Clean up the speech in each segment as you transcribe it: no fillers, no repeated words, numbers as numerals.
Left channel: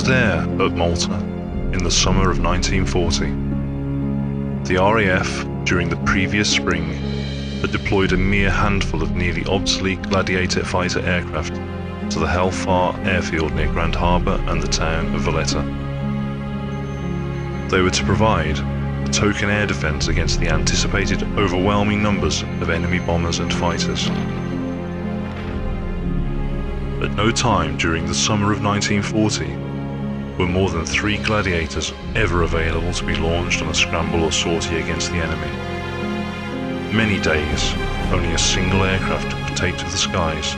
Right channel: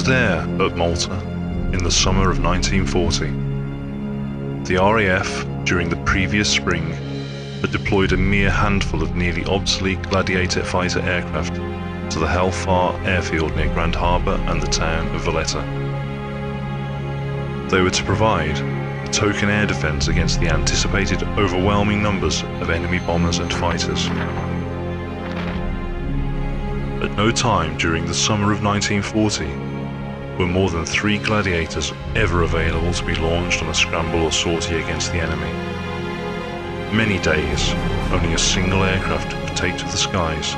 was there at Malta in the summer of 1940. The RAF, during the previous spring, had deployed a mere handful of nearly obsolete Gladiator fighter aircraft to the Hellfire airfield near Grand Harbour and the town of Valletta. They were to provide a token air defence against the anticipated overwhelming numbers of enemy bombers and fighters. At no time during the summer of 1940 were more than 3 Gladiators ever available to be launched on a scramble or sortie against the enemy. Many days, only a single aircraft could take to the skies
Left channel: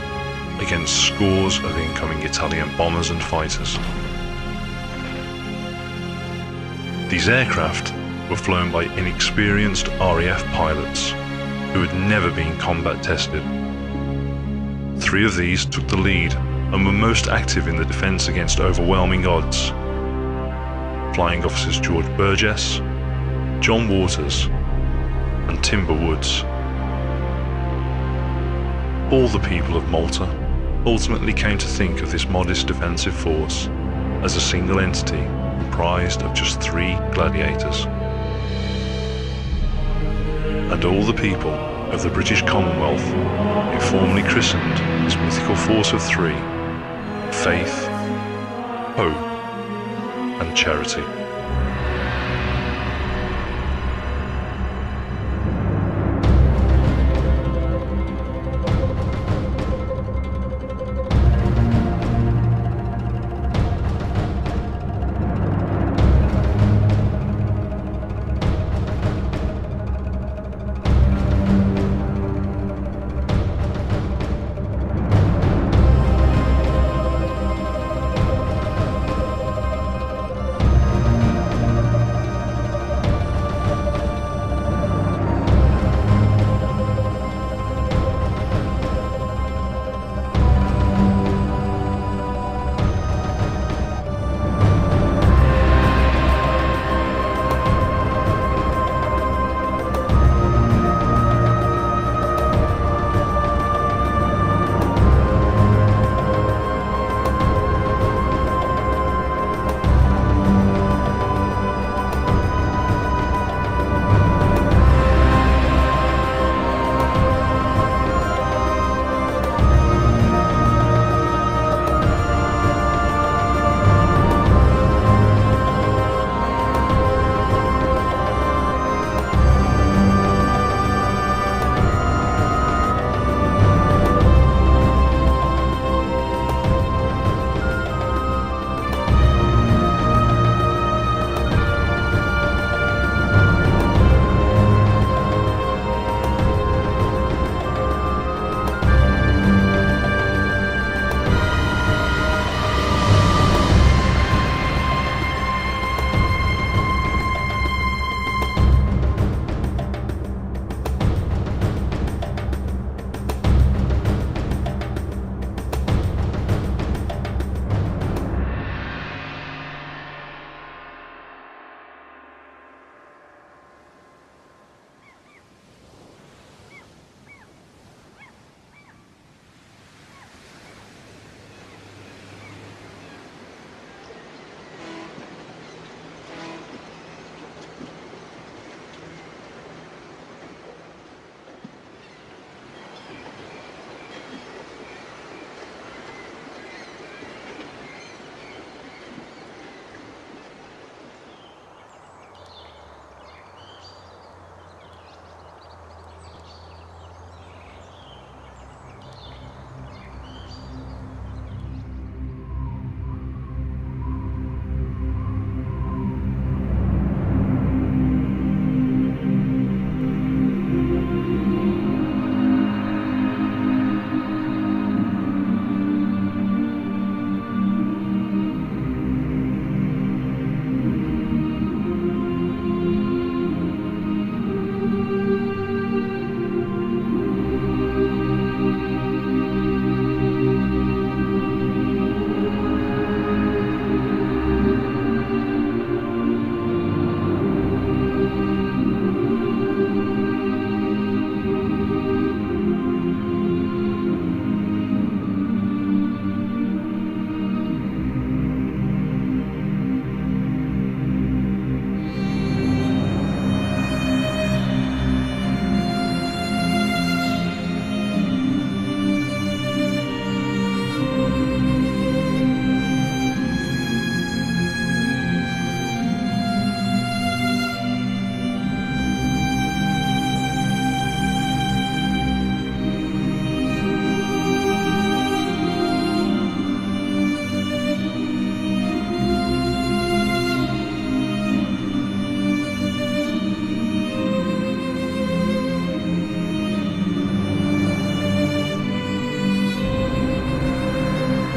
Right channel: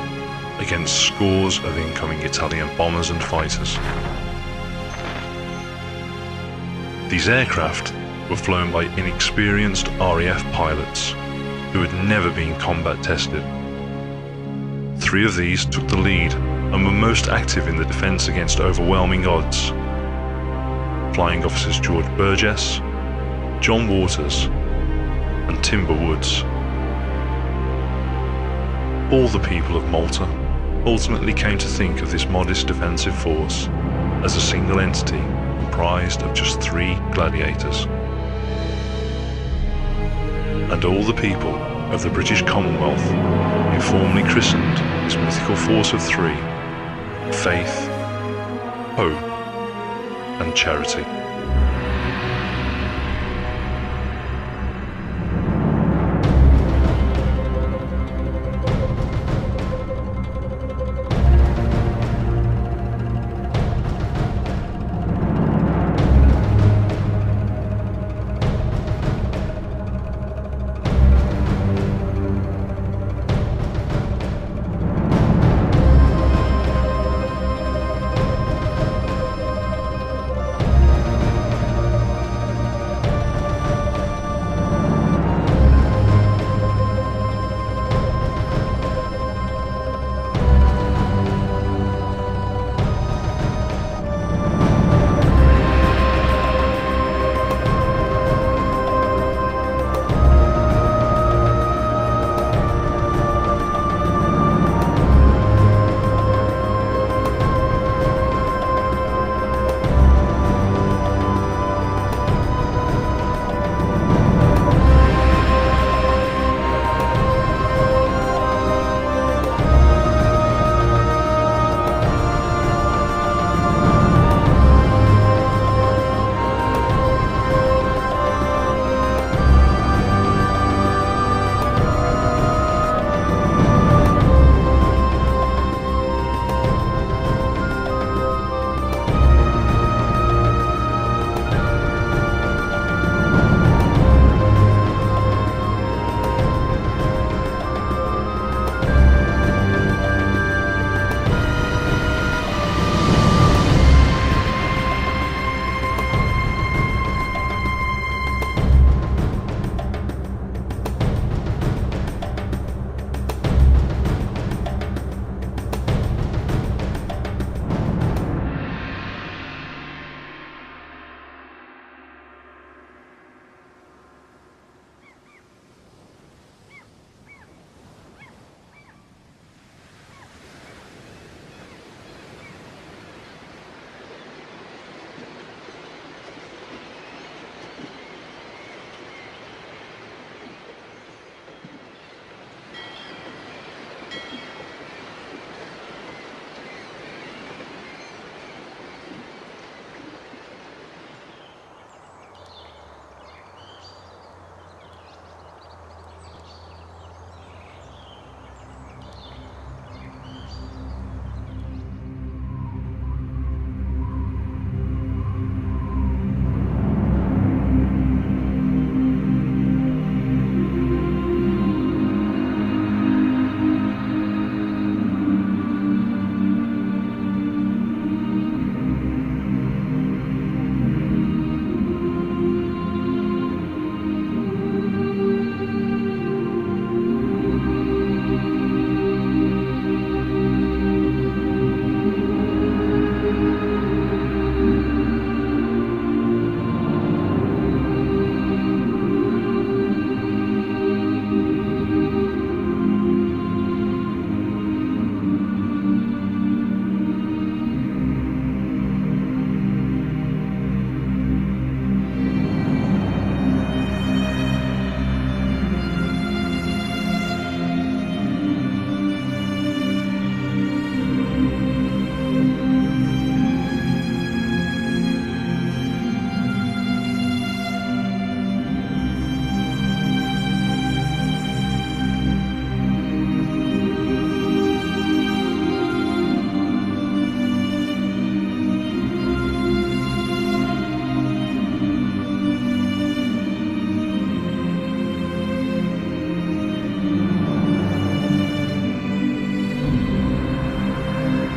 against scores of incoming Italian bombers and fighters. These aircraft were flown by inexperienced RAF pilots who had never been combat tested. 3 of these took the lead and were most active in the defence against overwhelming odds. Flying Officers George Burgess, John Waters, and Timber Woods. All the people of Malta ultimately came to think of this modest defensive force as a single entity comprised of just 3 Gladiators. And all the people of the British Commonwealth informally christened this mythical force of 3 Faith, Hope, and Charity.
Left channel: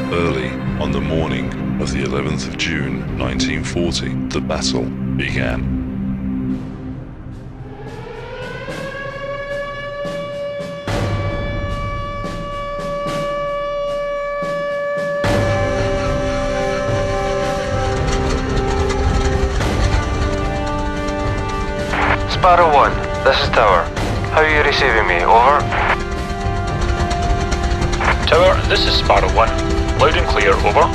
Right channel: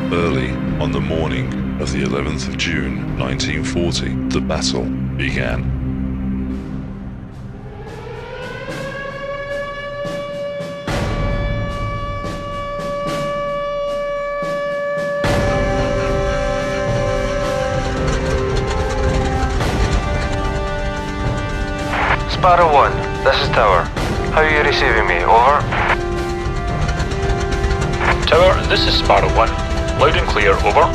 Early on the morning of the 11th of June 1940, the battle began. Sparrow 1, this is Tower. How are you receiving me? Over. Tower, this is Sparrow 1. Loud and clear, over.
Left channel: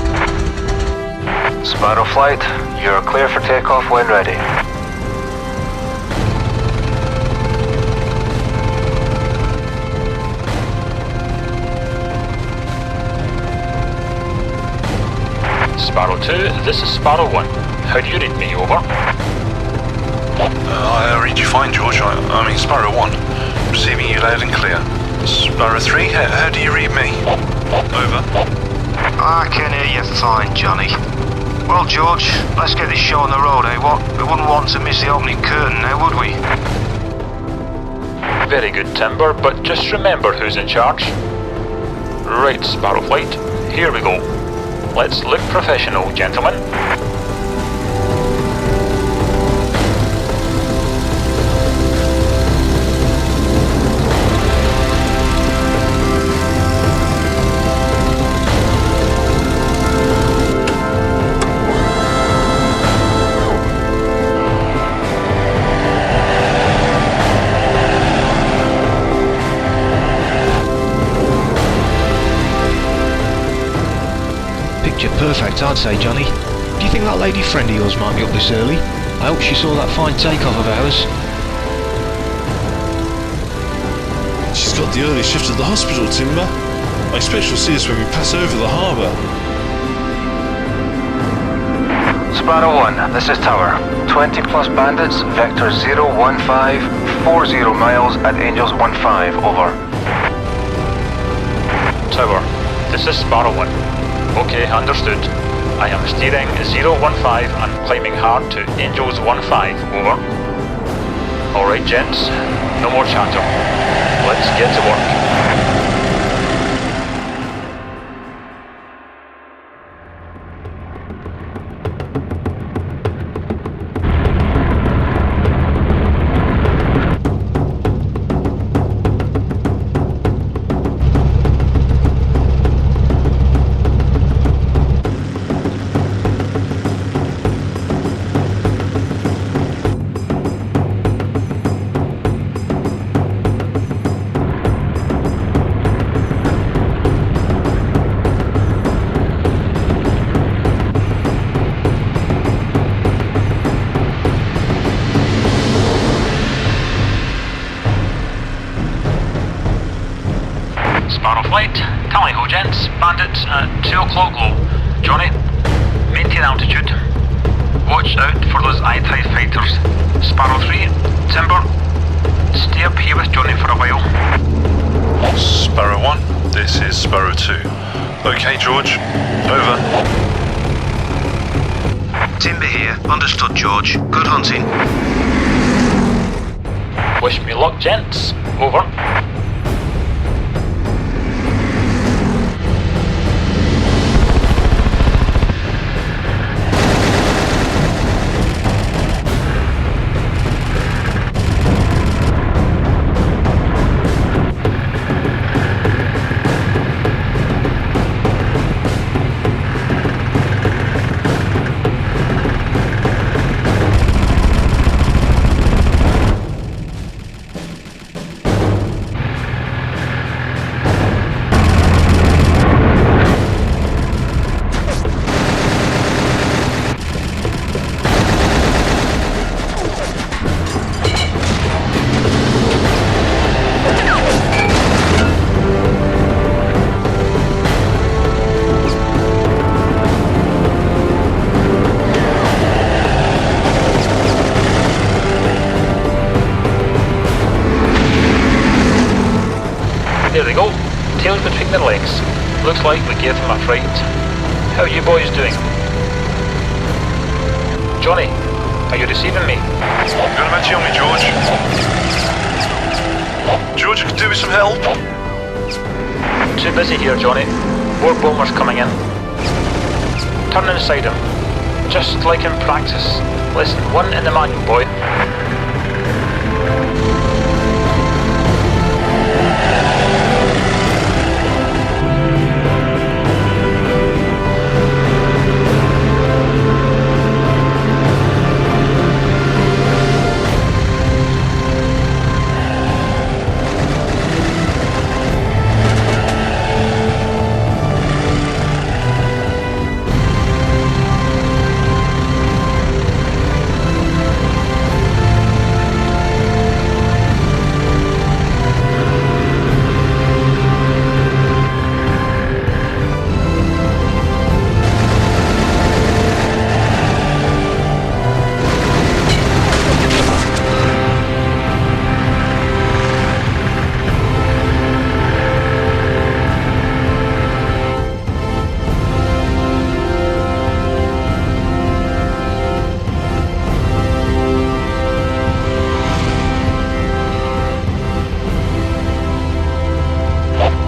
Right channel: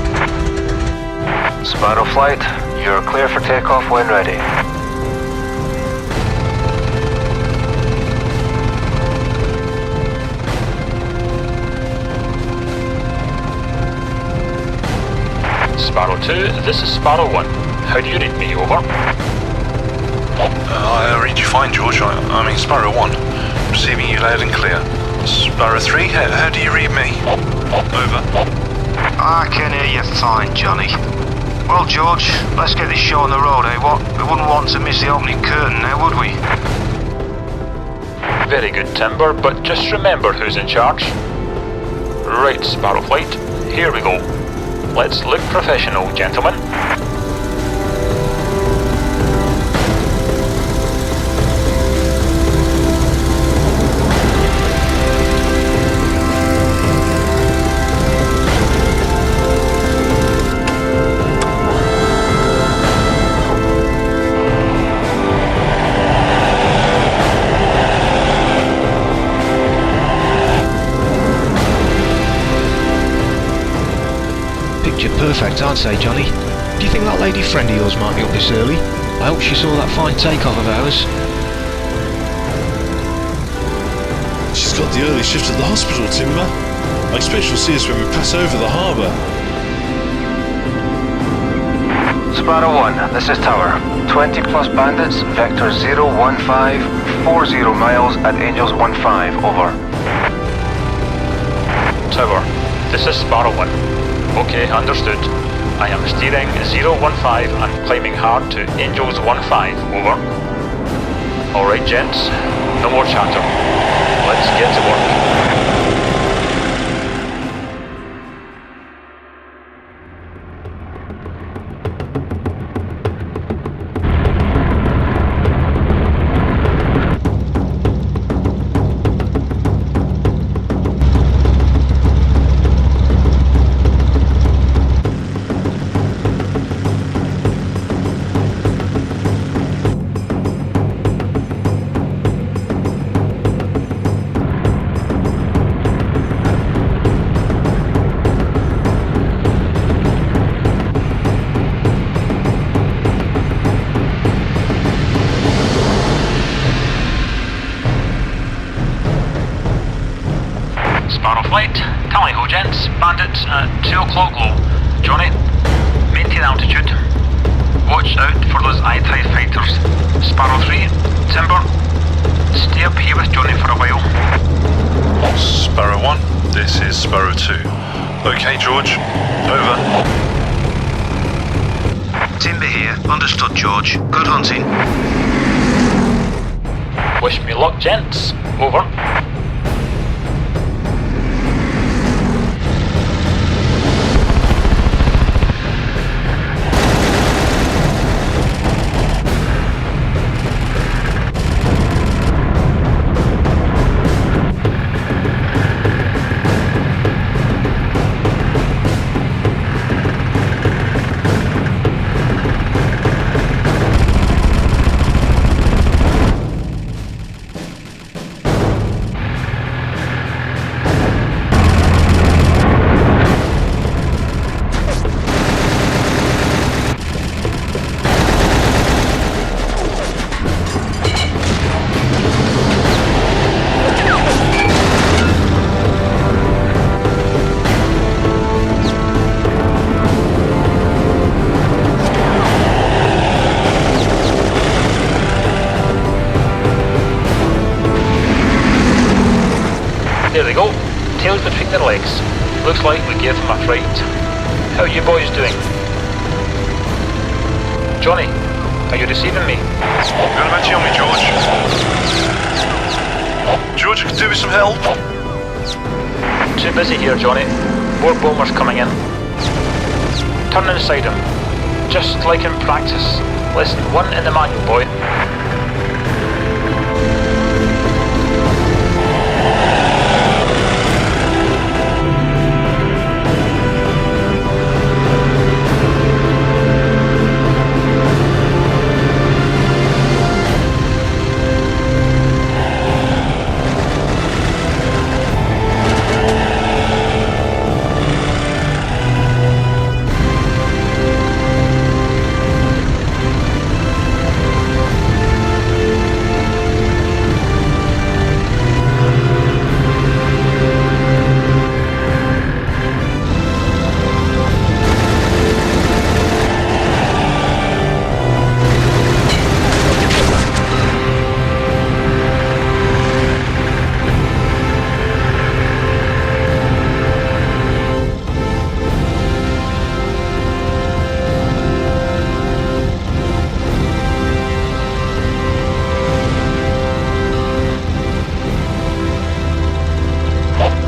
Sparrow Flight, you're clear for takeoff when ready. Sparrow 2, this is Sparrow 1. How do you read me, over? I read you fine, George. I mean, Sparrow 1. Receiving you loud and clear. Sparrow 3, how do you read me? Over. I can hear you fine, Johnny. Well, George, let's get this show on the road, eh, what? We wouldn't want to miss the opening curtain now, would we? Very good, Timber, but just remember who's in charge. Right, Sparrow Flight, here we go. Let's look professional, gentlemen. Picture perfect, I'd say, Johnny. Do you think that lady friend of yours might be up this early? I hope she saw that fine takeoff of ours. She's got the early shift at the hospital, Timber. I expect she'll see us when we pass over the harbour. Sparrow 1, this is Tower. 20 plus bandits, vector 01540 miles at Angels 15, over. Tower, this is Sparrow 1. Okay, understood. I am steering 015 and climbing hard to Angels 15, over. Alright, gents, no more chatter. Let's get to work. Sparrow Flight, tally-ho gents, bandits at 2 o'clock low. Johnny, maintain altitude. Watch out for those I-type fighters. Sparrow 3, Timber, stay up here with Johnny for a while. Sparrow 1, this is Sparrow 2. Okay, George. Over. Timber here, understood, George. Good hunting. Wish me luck, gents. Over. There they go, tails between their legs. Looks like we gave them a fright. How are you boys doing? Johnny, are you receiving me? Got a match on me, George. George, could do with some help. Too busy here, Johnny. More bombers coming in. Turn inside him. Just like in practice. Lesson 1 in the manual, boy.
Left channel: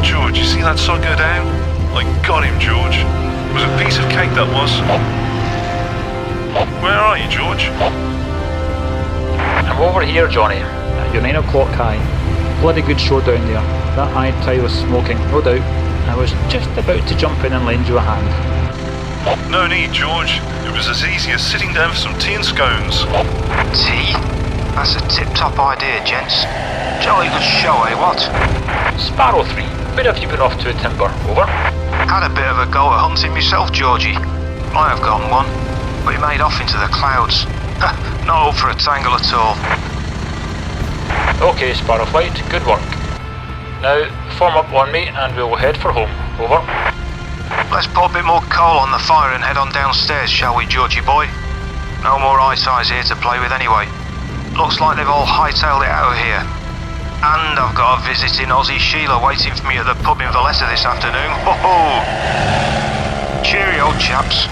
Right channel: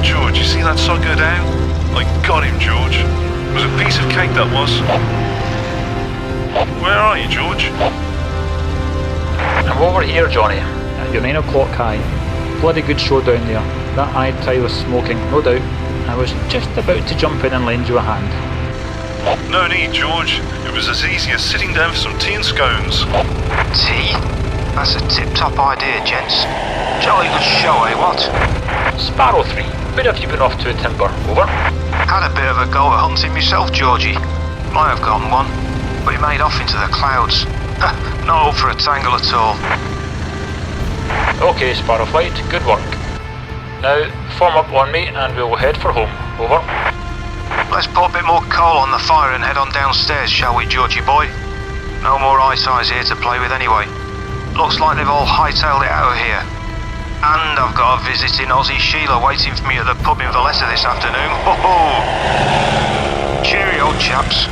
George, you see that sun go down? I got him, George. It was a piece of cake, that was. Where are you, George? I'm over here, Johnny, at your 9 o'clock high. Bloody good show down there. That eye was smoking, no doubt. I was just about to jump in and lend you a hand. No need, George. It was as easy as sitting down for some tea and scones. Tea? That's a tip-top idea, gents. Jolly good show, eh, what? Sparrow 3, where have you been off to, Timber? Over? Had a bit of a go at hunting myself, Georgie. Might have gotten one, but he made off into the clouds. Not up for a tangle at all. Okay, Sparrow Flight, good work. Now, form up on me and we'll head for home. Over. Let's put a bit more coal on the fire and head on downstairs, shall we, Georgie boy? No more eye-ties here to play with anyway. Looks like they've all hightailed it out of here. And I've got a visiting Aussie Sheila waiting for me at the pub in Valletta this afternoon. Ho-ho! Cheerio, chaps.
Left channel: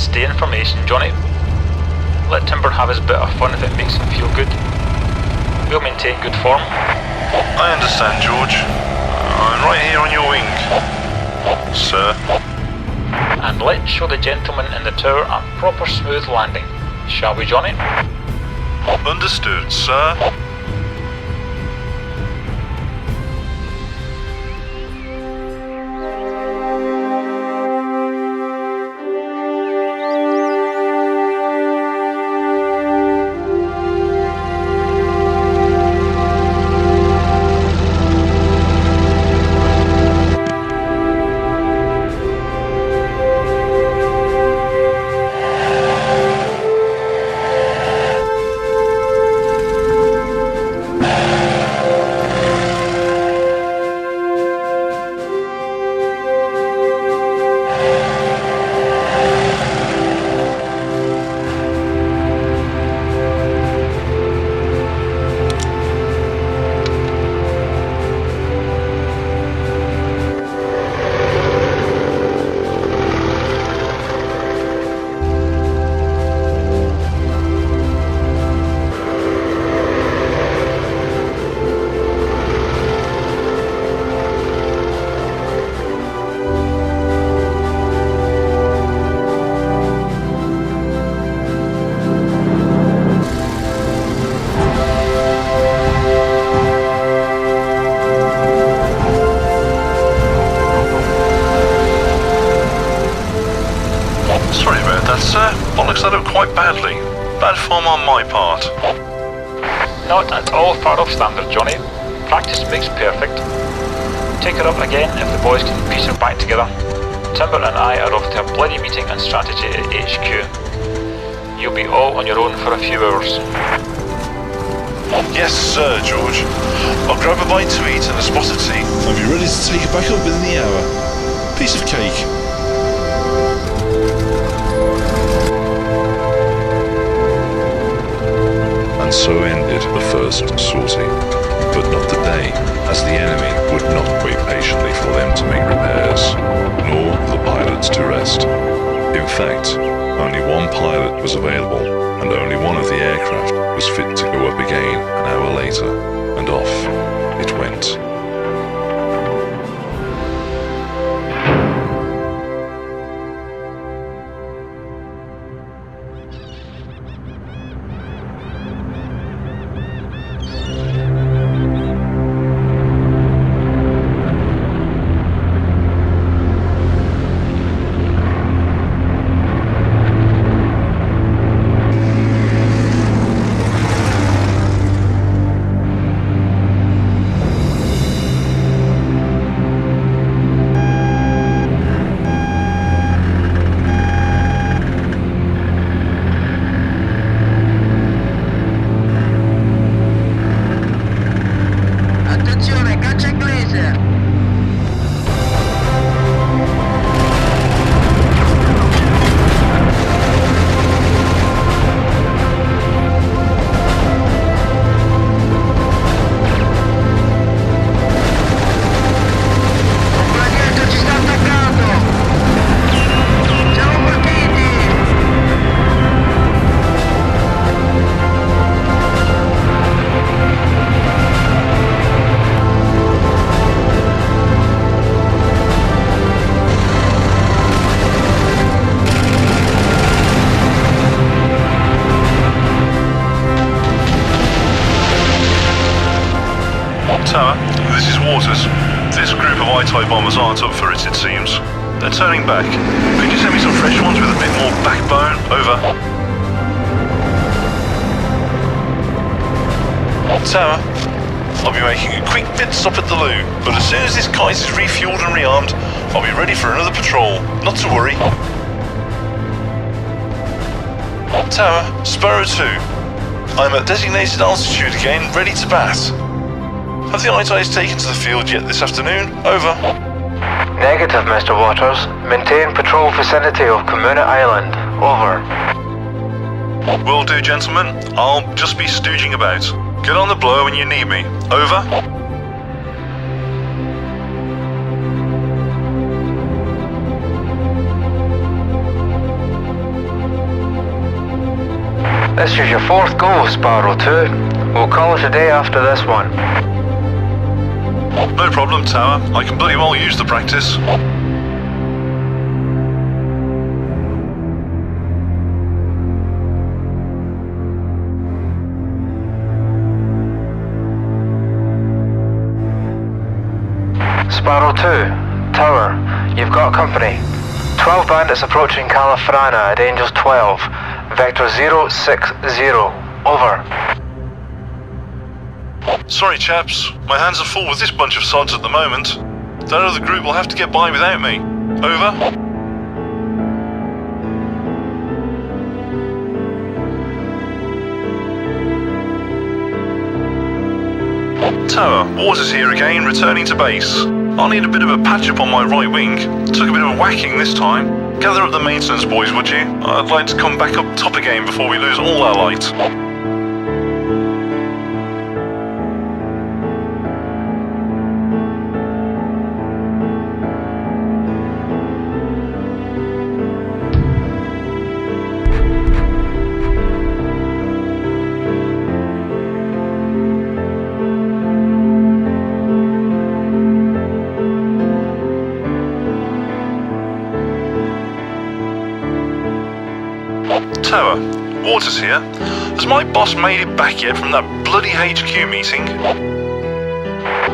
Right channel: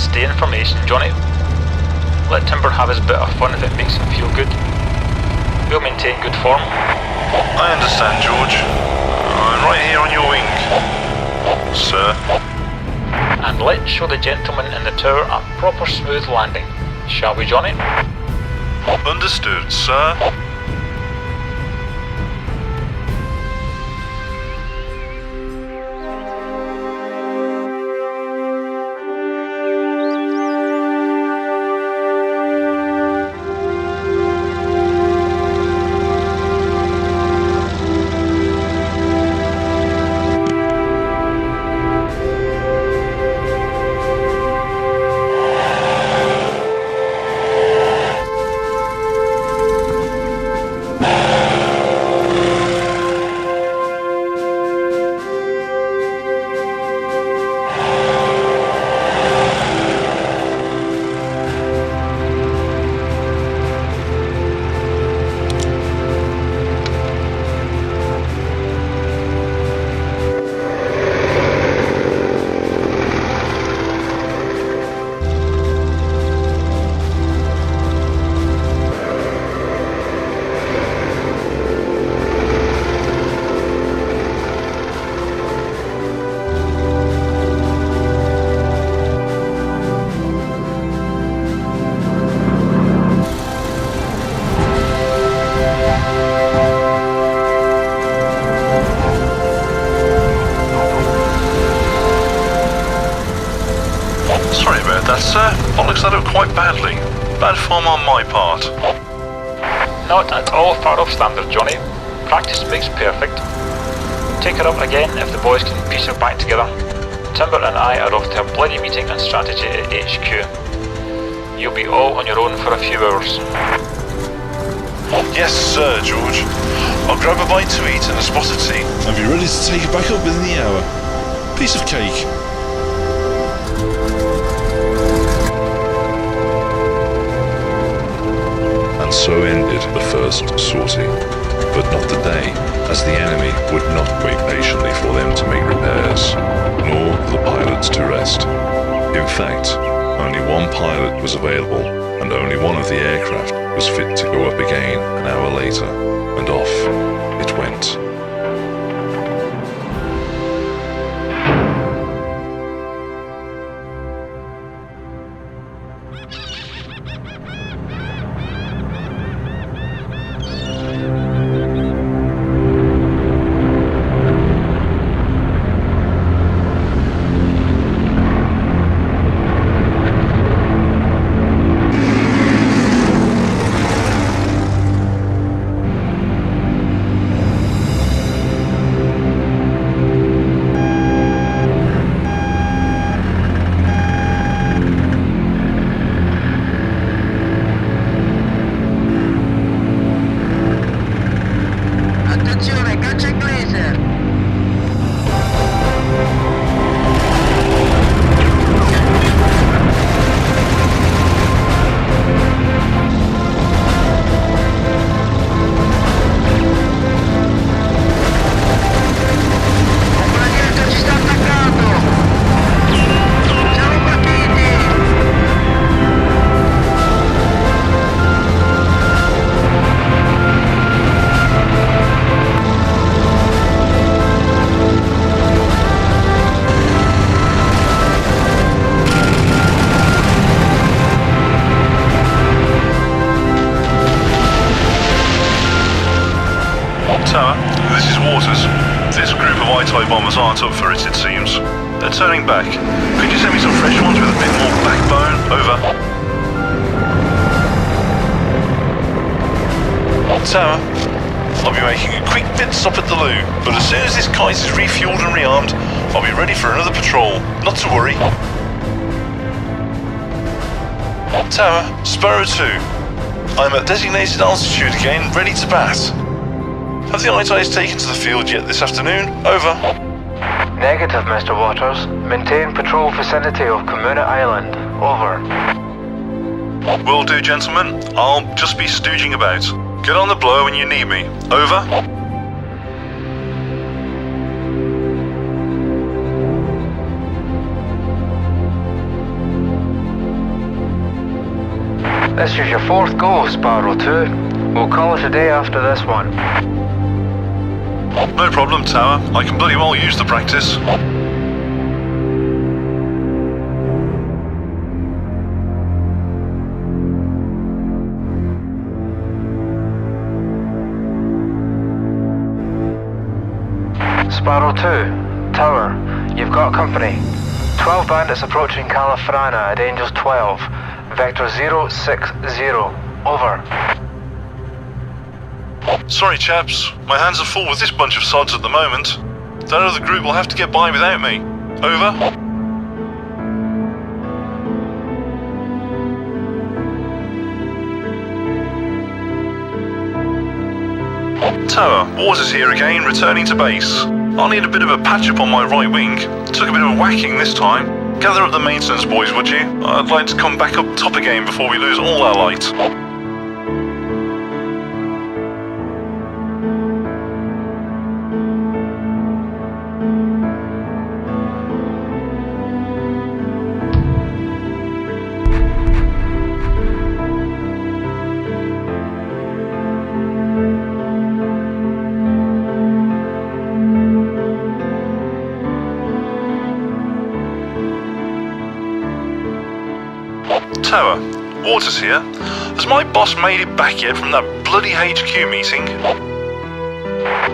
Stay in formation, Johnny. Let Timber have his bit of fun if it makes him feel good. We'll maintain good form. I understand, George. I'm right here on your wing. Sir. And let's show the gentleman in the tower a proper smooth landing. Shall we, Johnny? Understood, sir. Sorry about that, sir. Bollocks that up quite badly. Bad form on my part. Not at all far off standard, Johnny. Practice makes perfect. Take her up again if the boys can piece her back together. Timber and I are off to a bloody meeting on strategy at HQ. You'll be all on your own for a few hours. Yes, sir, George. I'll grab a bite to eat and a spot of tea. I'll be ready to take it back up within the hour. Piece of cake. And so ended the first sortie. But not the day, as the enemy would not wait patiently for them to make repairs, nor for the pilots to rest. In fact, only one pilot was available, and only one of the aircraft was fit to go up again an hour later, and off it went. laser. Un gladiator ci sta attaccando! Siamo partiti! Tower, this is Waters. This group of I-type bombers aren't up for it seems. They're turning back. Could you send me some fresh ones with a bit more backbone? Over. Tower, I'll be making a quick pit stop at the loo, but as soon as this kite is refueled and rearmed, I'll be ready for another patrol. Not to worry. Tower, Sparrow 2. I'm at designated altitude again, ready to bat. Have the I-TIEs taken to the field yet this afternoon? Over. Negative, Mr. Waters. Maintain patrol vicinity of Kamuna Island. Over. Will do, gentlemen. I'll just be stooging about. Get on the blower when you need me. Over. This is your fourth go, Sparrow 2. We'll call it a day after this one. No problem, Tower. I can bloody well use the practice. Sparrow 2, Tower, you've got company. 12 bandits approaching Califrana at Angels 12. Vector 060. Over. Sorry, chaps. My hands are full with this bunch of sods at the moment. That other group will have to get by without me. Over. Tower, Waters here again, returning to base. I'll need a bit of a patch-up on my right wing. Took a bit of a whacking this time. Gather up the maintenance boys, would you? I'd like to come back up top again before we lose all our light. Tower, Waters here. Has my boss made it back yet from that bloody HQ meeting?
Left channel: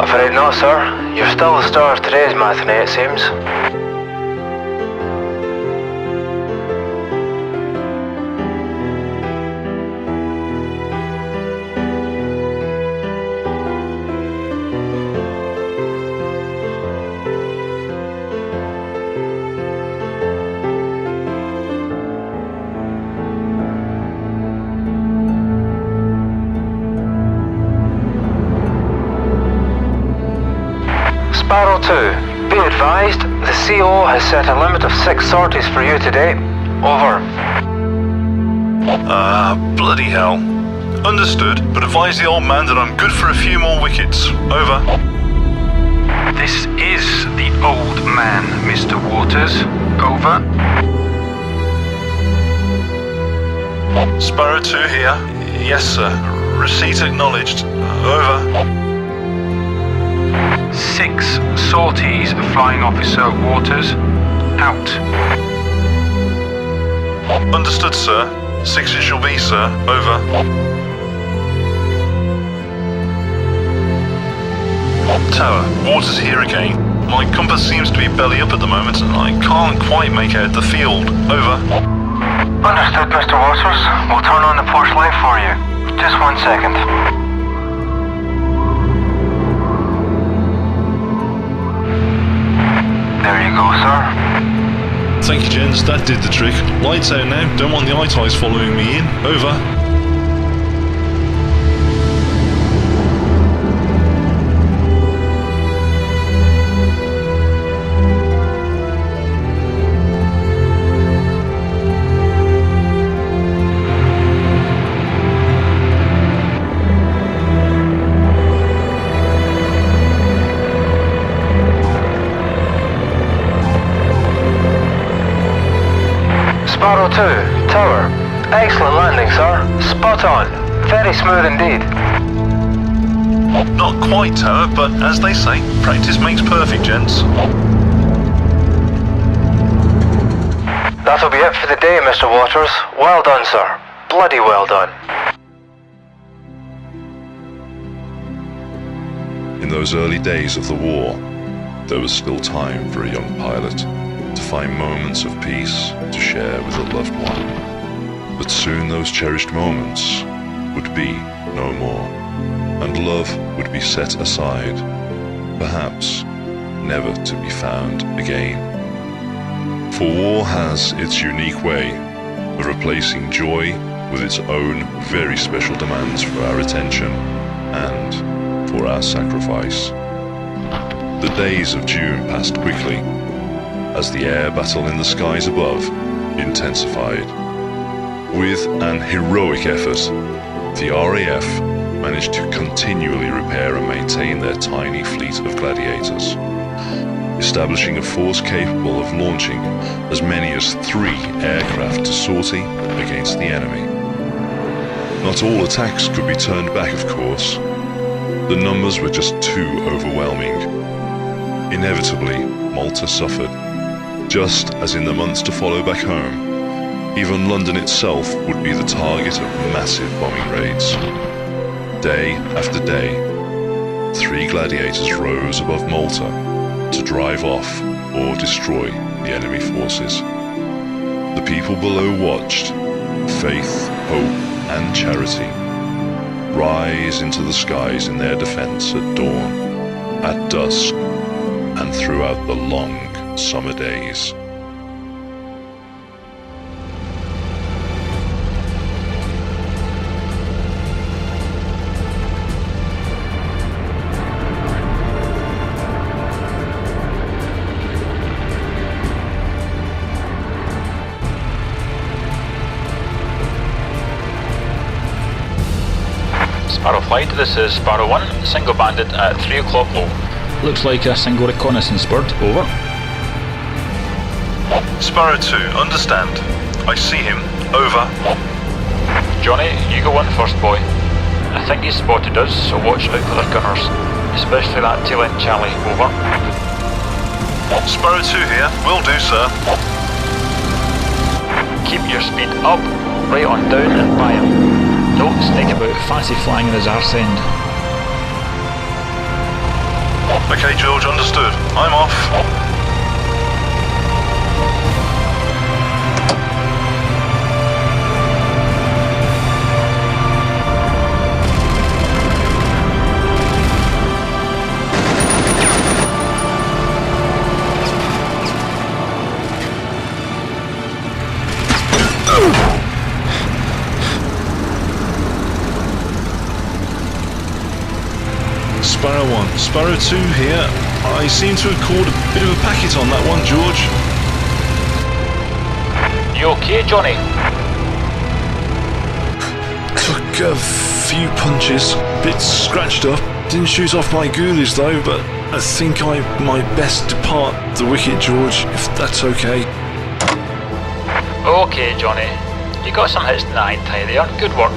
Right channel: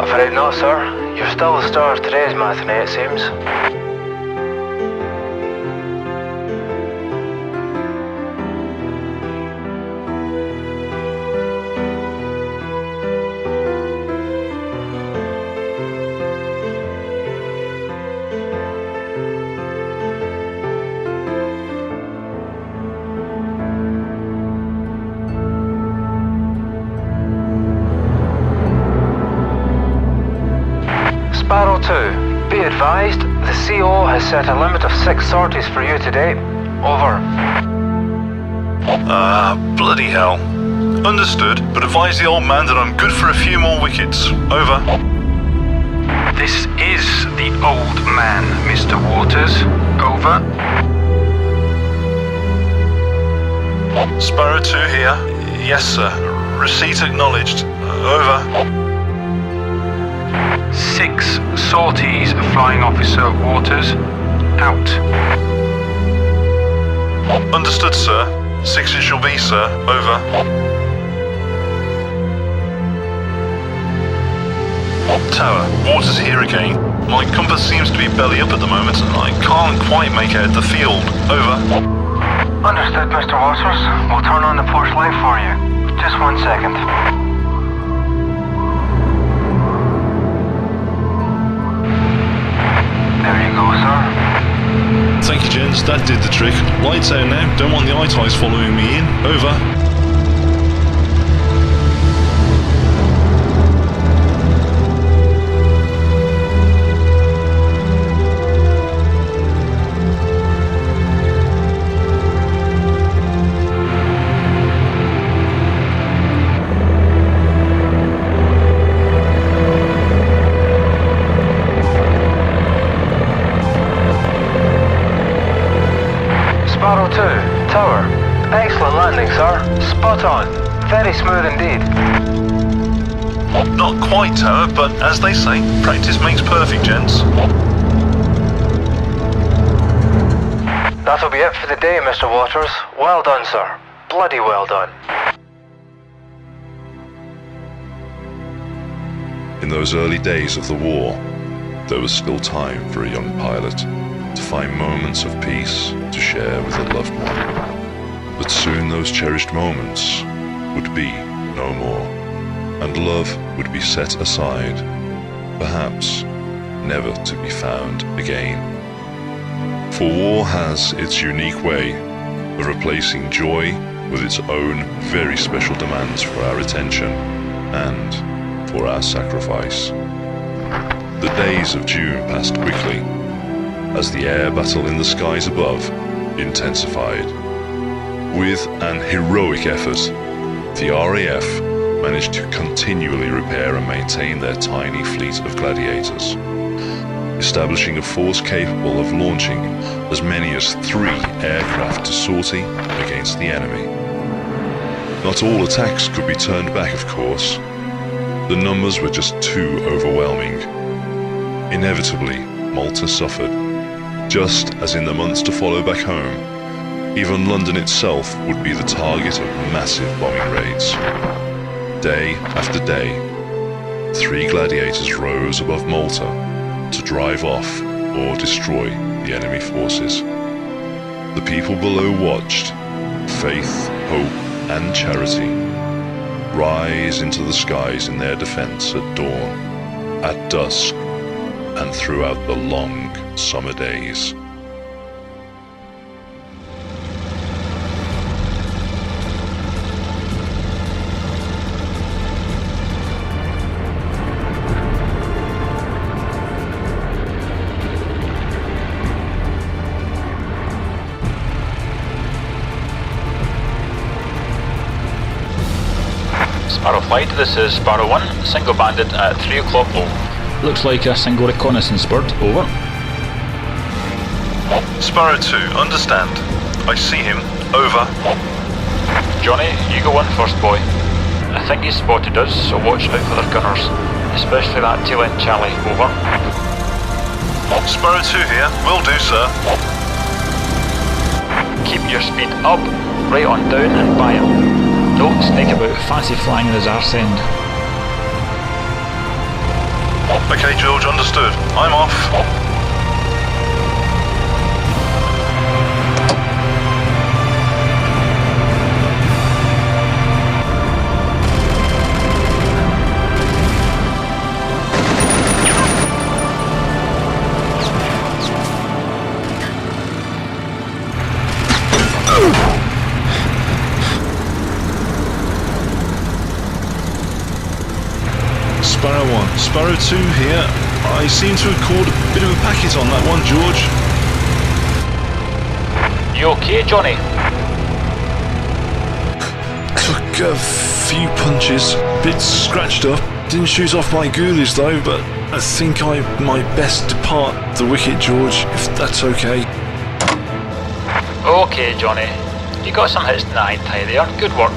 Afraid not, sir. You're still the star of today's matinee, it seems. Sparrow 2, be advised, the CO has set a limit of 6 sorties for you today. Over. Bloody hell. Understood, but advise the old man that I'm good for a few more wickets. Over. This is the old man, Mr. Waters. Over. Sparrow 2 here. Yes, sir. Receipt acknowledged. Over. 6 sorties, Flying Officer Waters. Out. Understood, sir. 6 it shall be, sir. Over. Tower, Waters here again. My compass seems to be belly up at the moment and I can't quite make out the field. Over. Understood, Mr. Waters. We'll turn on the porch light for you. Just 1 second. There you go, sir. Thank you, gents. That did the trick. Lights out now. Don't want the I-TIEs following me in. Over. Sparrow 2, Tower. Excellent landing, sir. Spot on. Very smooth indeed. Not quite, Tower, but as they say, practice makes perfect, gents. That'll be it for the day, Mr. Waters. Well done, sir. Bloody well done. In those early days of the war, there was still time for a young pilot to find moments of peace to share with a loved one. But soon those cherished moments would be no more, and love would be set aside, perhaps never to be found again. For war has its unique way of replacing joy with its own very special demands for our attention and for our sacrifice. The days of June passed quickly as the air battle in the skies above intensified. With an heroic effort, the RAF managed to continually repair and maintain their tiny fleet of Gladiators, establishing a force capable of launching as many as 3 aircraft to sortie against the enemy. Not all attacks could be turned back, of course. The numbers were just too overwhelming. Inevitably, Malta suffered. Just as in the months to follow back home, even London itself would be the target of massive bombing raids. Day after day, 3 Gladiators rose above Malta to drive off or destroy the enemy forces. The people below watched, faith, hope, and charity rise into the skies in their defense at dawn, at dusk, and throughout the long summer days. Sparrow Flight, this is Sparrow 1, single bandit at 3 o'clock low. Looks like a single reconnaissance bird, over. Sparrow 2, understand. I see him, over. Johnny, you go on first, boy. I think he's spotted us, so watch out for their gunners, especially that tail end Charlie, over. Sparrow 2 here, will do, sir. Keep your speed up, right on down and by him. Don't snake about, fancy flying in his arse end. Okay, George, understood. I'm off. Sparrow 1, Sparrow 2 here. I seem to have caught a bit of a packet on that one, George. You okay, Johnny? Took a few punches, bit scratched up. Didn't shoot off my ghoulies though, but I think I might best depart the wicket, George, if that's okay. Okay, Johnny. You got some hits in the high there. Good work.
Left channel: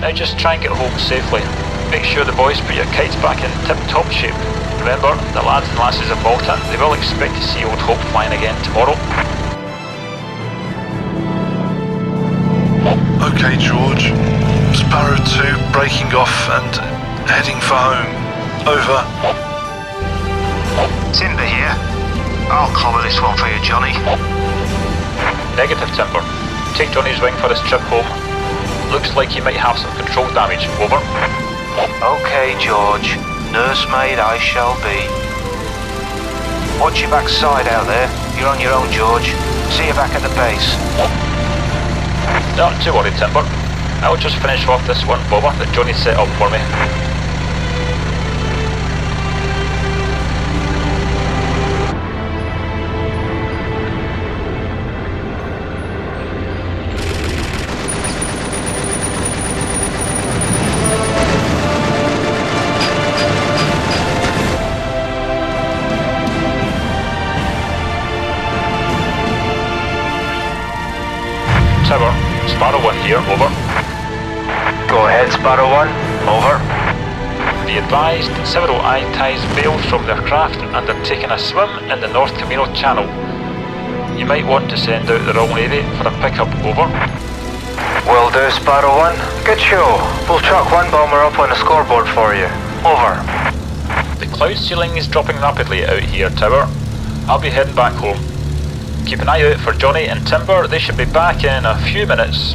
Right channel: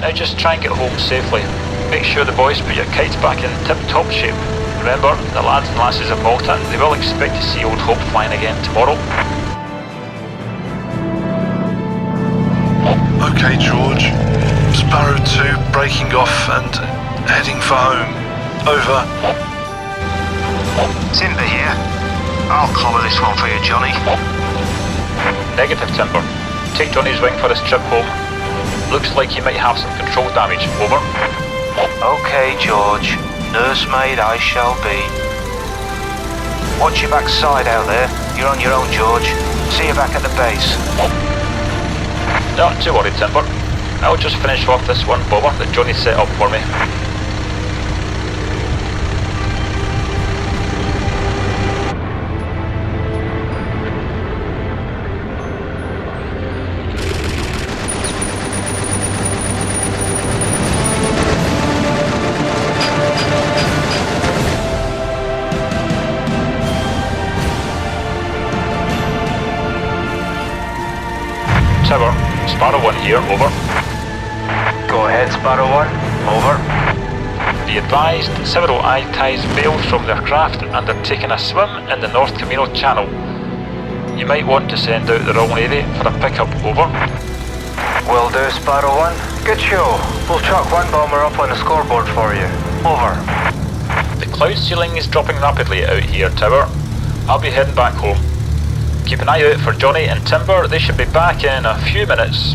Now just try and get home safely. Make sure the boys put your kites back in tip-top shape. Remember, the lads and lasses of Malta, they will expect to see Old Hope flying again tomorrow. Okay, George. Sparrow 2 breaking off and heading for home. Over. Timber here. I'll cover this one for you, Johnny. Negative, Timber. Take Johnny's wing for his trip home. Looks like he might have some control damage. Over. Okay, George. Nursemaid I shall be. Watch your backside out there. You're on your own, George. See you back at the base. Not too worried, Timber. I'll just finish off this one bobber that Johnny set up for me. Sparrow 1 here, over. Go ahead, Sparrow 1, over. Be advised, several eye ties bailed from their craft and are taking a swim in the North Camino Channel. You might want to send out the wrong lady for a pickup, over. Will do, Sparrow 1. Good show. We'll chuck one bomber up on the scoreboard for you. Over. The cloud ceiling is dropping rapidly out here, Tower. I'll be heading back home. Keep an eye out for Johnny and Timber. They should be back in a few minutes.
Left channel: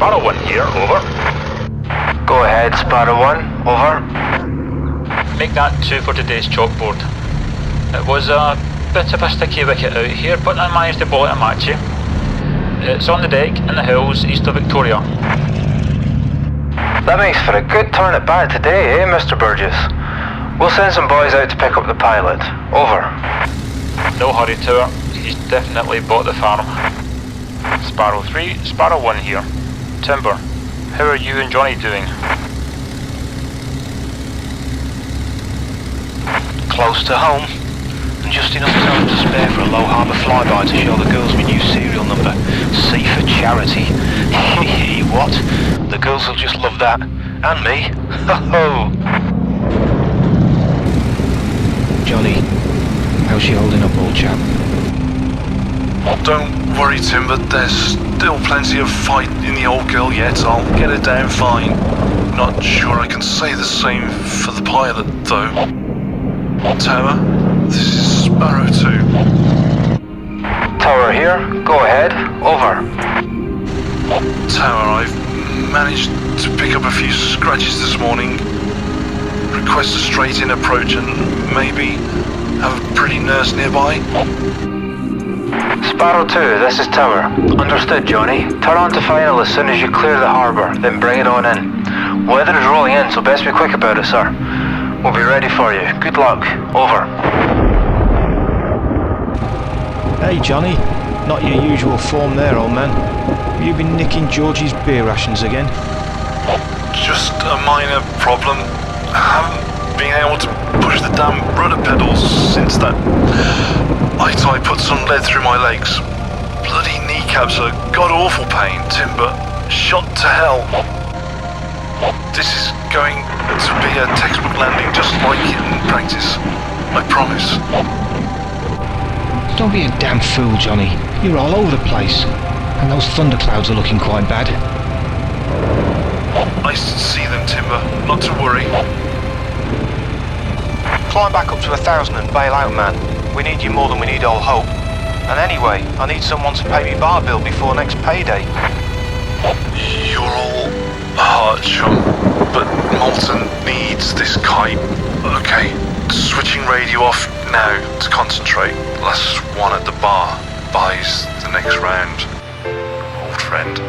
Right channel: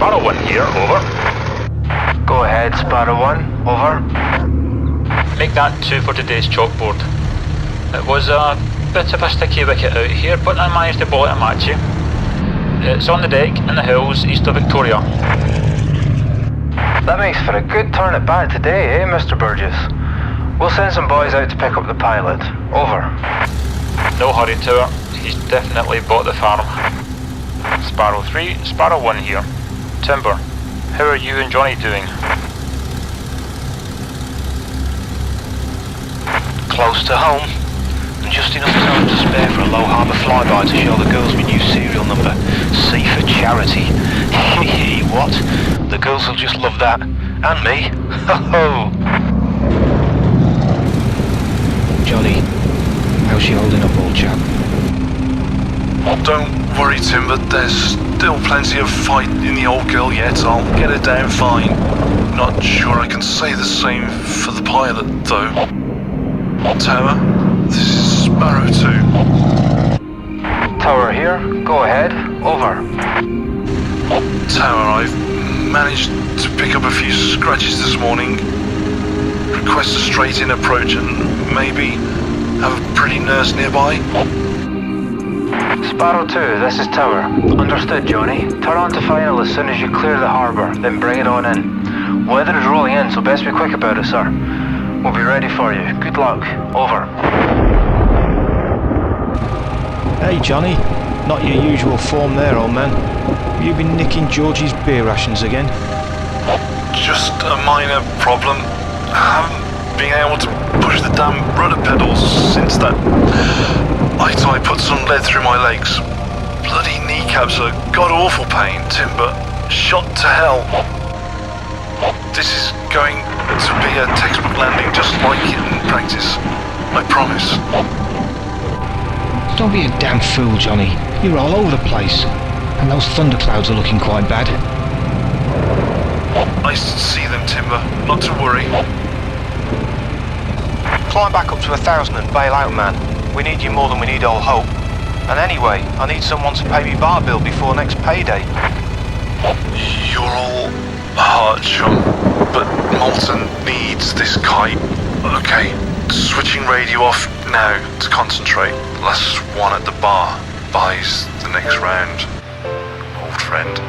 Sparrow 1 here, over. Go ahead, Sparrow 1, over. Make that 2 for today's chalkboard. It was a bit of a sticky wicket out here, but I managed to bowl it a match. It's on the deck in the hills east of Victoria. That makes for a good turn at bat today, eh, Mr. Burgess? We'll send some boys out to pick up the pilot. Over. No hurry, Tower. He's definitely bought the farm. Sparrow 3, Sparrow 1 here. Timber, how are you and Johnny doing? Close to home, and just enough time to spare for a low harbour flyby to show the girls my new serial number. C for charity. Hee what? The girls will just love that. And me. Ho ho! Johnny, how's she holding up, old chap? Don't worry, Timber, there's still plenty of fight in the old girl yet. I'll get her down fine. Not sure I can say the same for the pilot, though. Tower, this is Sparrow 2. Tower here. Go ahead. Over. Tower, I've managed to pick up a few scratches this morning. Request a straight-in approach and maybe have a pretty nurse nearby. Sparrow 2, this is Tower. Understood, Johnny. Turn on to final as soon as you clear the harbour, then bring it on in. Weather is rolling in, so best be quick about it, sir. We'll be ready for you. Good luck. Over. Hey Johnny, not your usual form there, old man. Have you been nicking Georgie's beer rations again? Just a minor problem. I haven't been able to push the damn rudder pedals since that I put some lead through my legs. Bloody kneecaps are god-awful pain, Timber. Shot to hell. This is going to be a textbook landing just like it in practice. I promise. Don't be a damn fool, Johnny. You're all over the place. And those thunderclouds are looking quite bad. I see them, Timber. Not to worry. Climb back up to 1,000 and bail out, man. We need you more than we need old Hope. And anyway, I need someone to pay me bar bill before next payday. You're all heart, chum, but Molten needs this kite. Okay, switching radio off now to concentrate. Last one at the bar buys the next round. Old friend.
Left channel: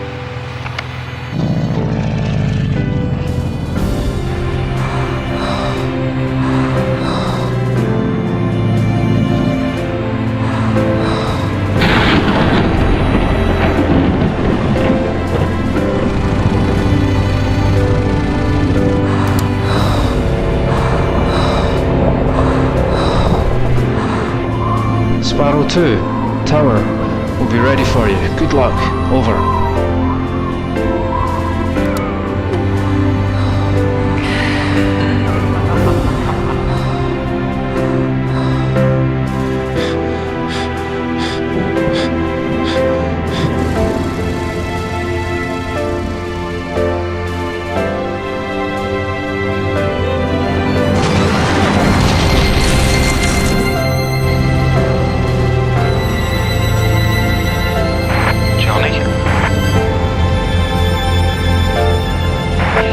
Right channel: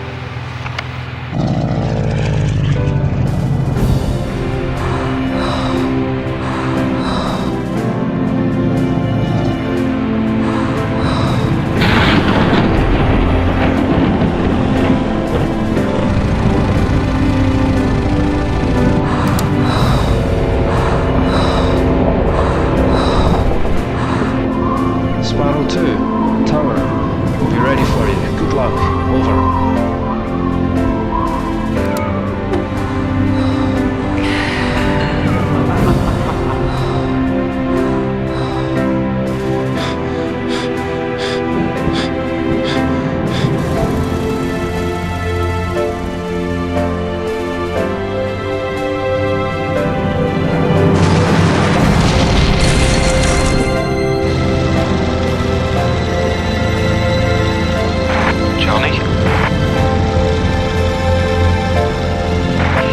Sparrow 2, Tower, we'll be ready for you. Good luck. Over.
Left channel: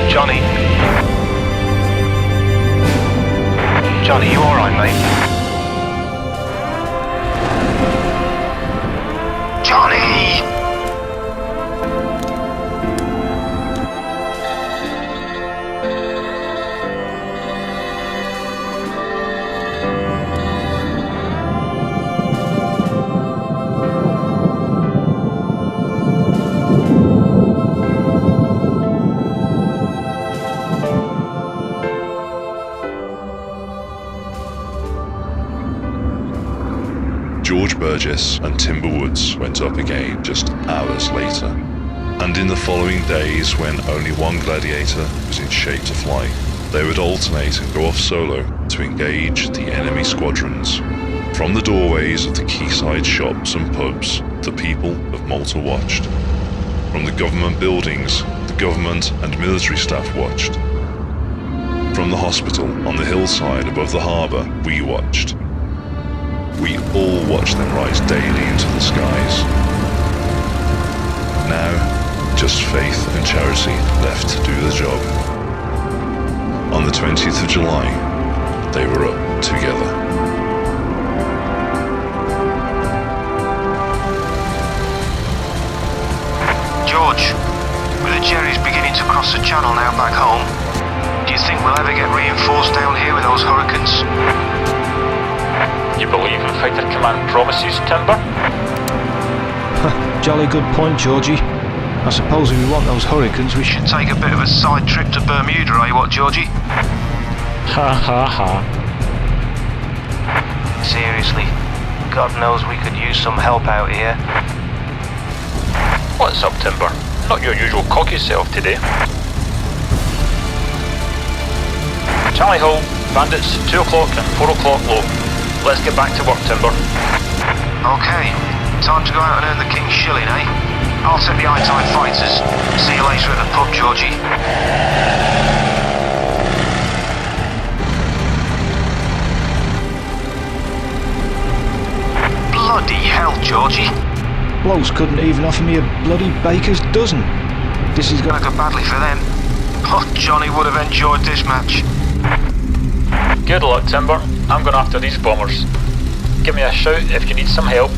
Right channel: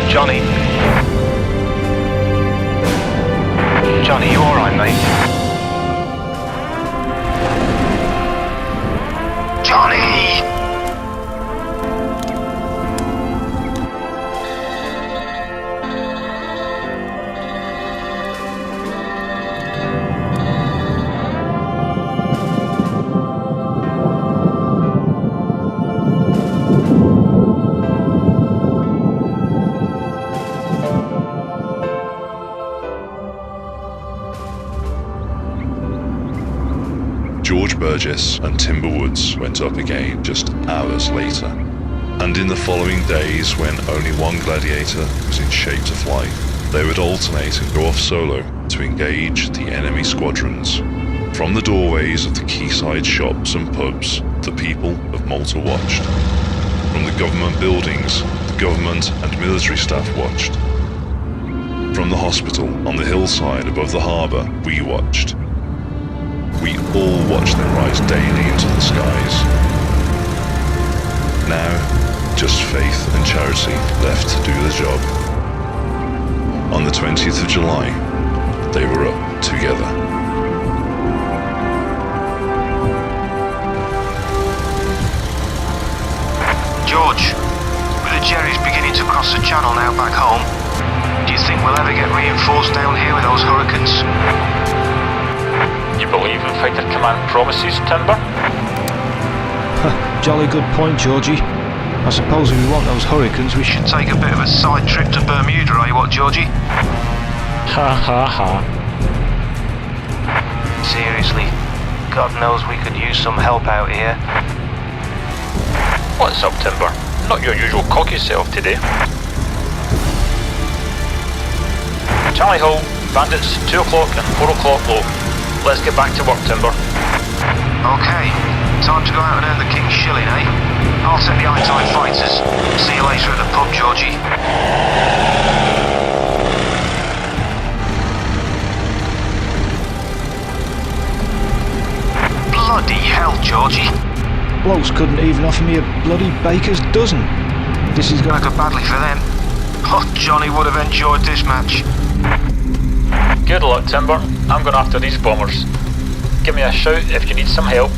Johnny? Johnny, you alright, mate? Johnny! George Burgess and Timber Woods went up again just hours later. And in the following days, when only one gladiator was in shape to fly, they would alternate and go off solo to engage the enemy squadrons. From the doorways of the quayside shops and pubs, the people of Malta watched. From the government buildings, the government and military staff watched. From the hospital on the hillside above the harbour, we watched. We all watched them rise daily into the skies. Now, just faith and charity left to do the job. On the 20th of July, they were up together. George, with the Jerry's beginning to cross the channel now back home, do you think we'll ever get reinforced down here with those hurricanes? You believe in Fighter Command promises, Timber? Jolly good point, Georgie. I suppose if we want those hurricanes, we should... Take a bit of a side trip to Bermuda, eh, what, Georgie? Ha ha ha. Seriously, God knows we could use some help out here. What's up, Timber? Not your usual cocky self today. Tally ho, bandits, 2 o'clock and 4 o'clock low. Let's get back to work, Timber. Okay, time to go out and earn the king's shilling, eh? I'll take the I-Type fighters. See you later at the pub, Georgie. Blood Bloody hell, Georgie. Blokes couldn't even offer me a bloody baker's dozen. This is Gonna go badly for them. Oh, Johnny would have enjoyed this match. Good luck, Timber. I'm going after these bombers. Give me a shout if you need some help.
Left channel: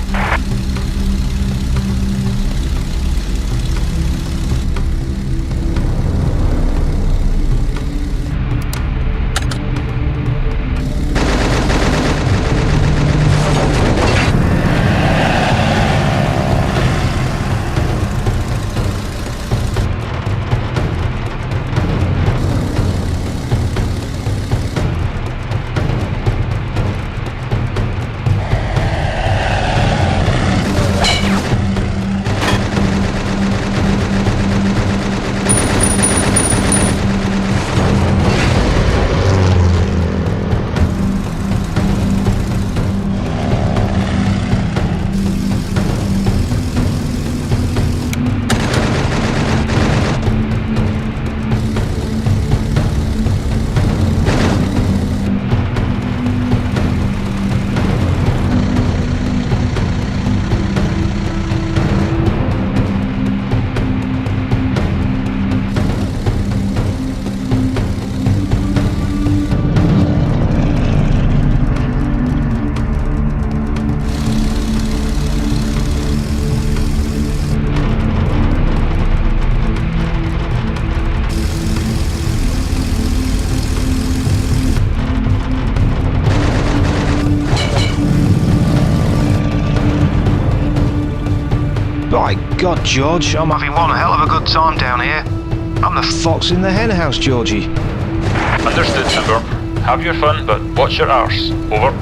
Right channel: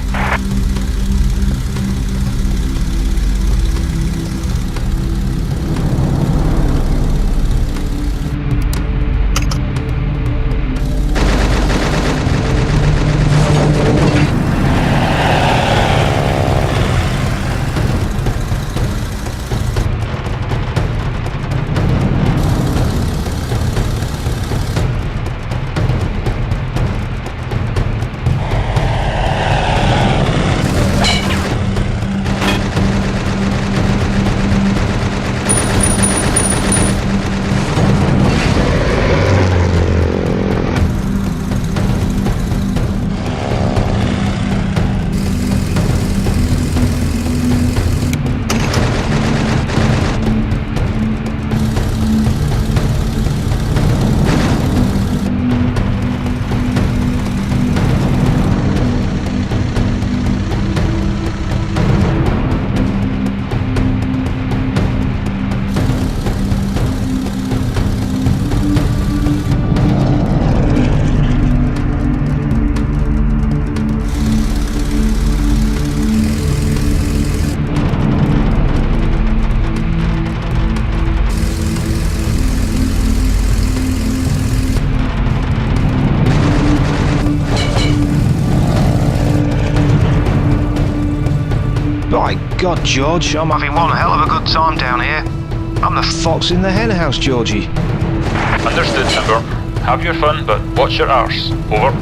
by God, George, I'm Having one hell of a good time down here. I'm the fox in the hen house, Georgie. Understood, Timber. Have your fun, but watch your arse. Over.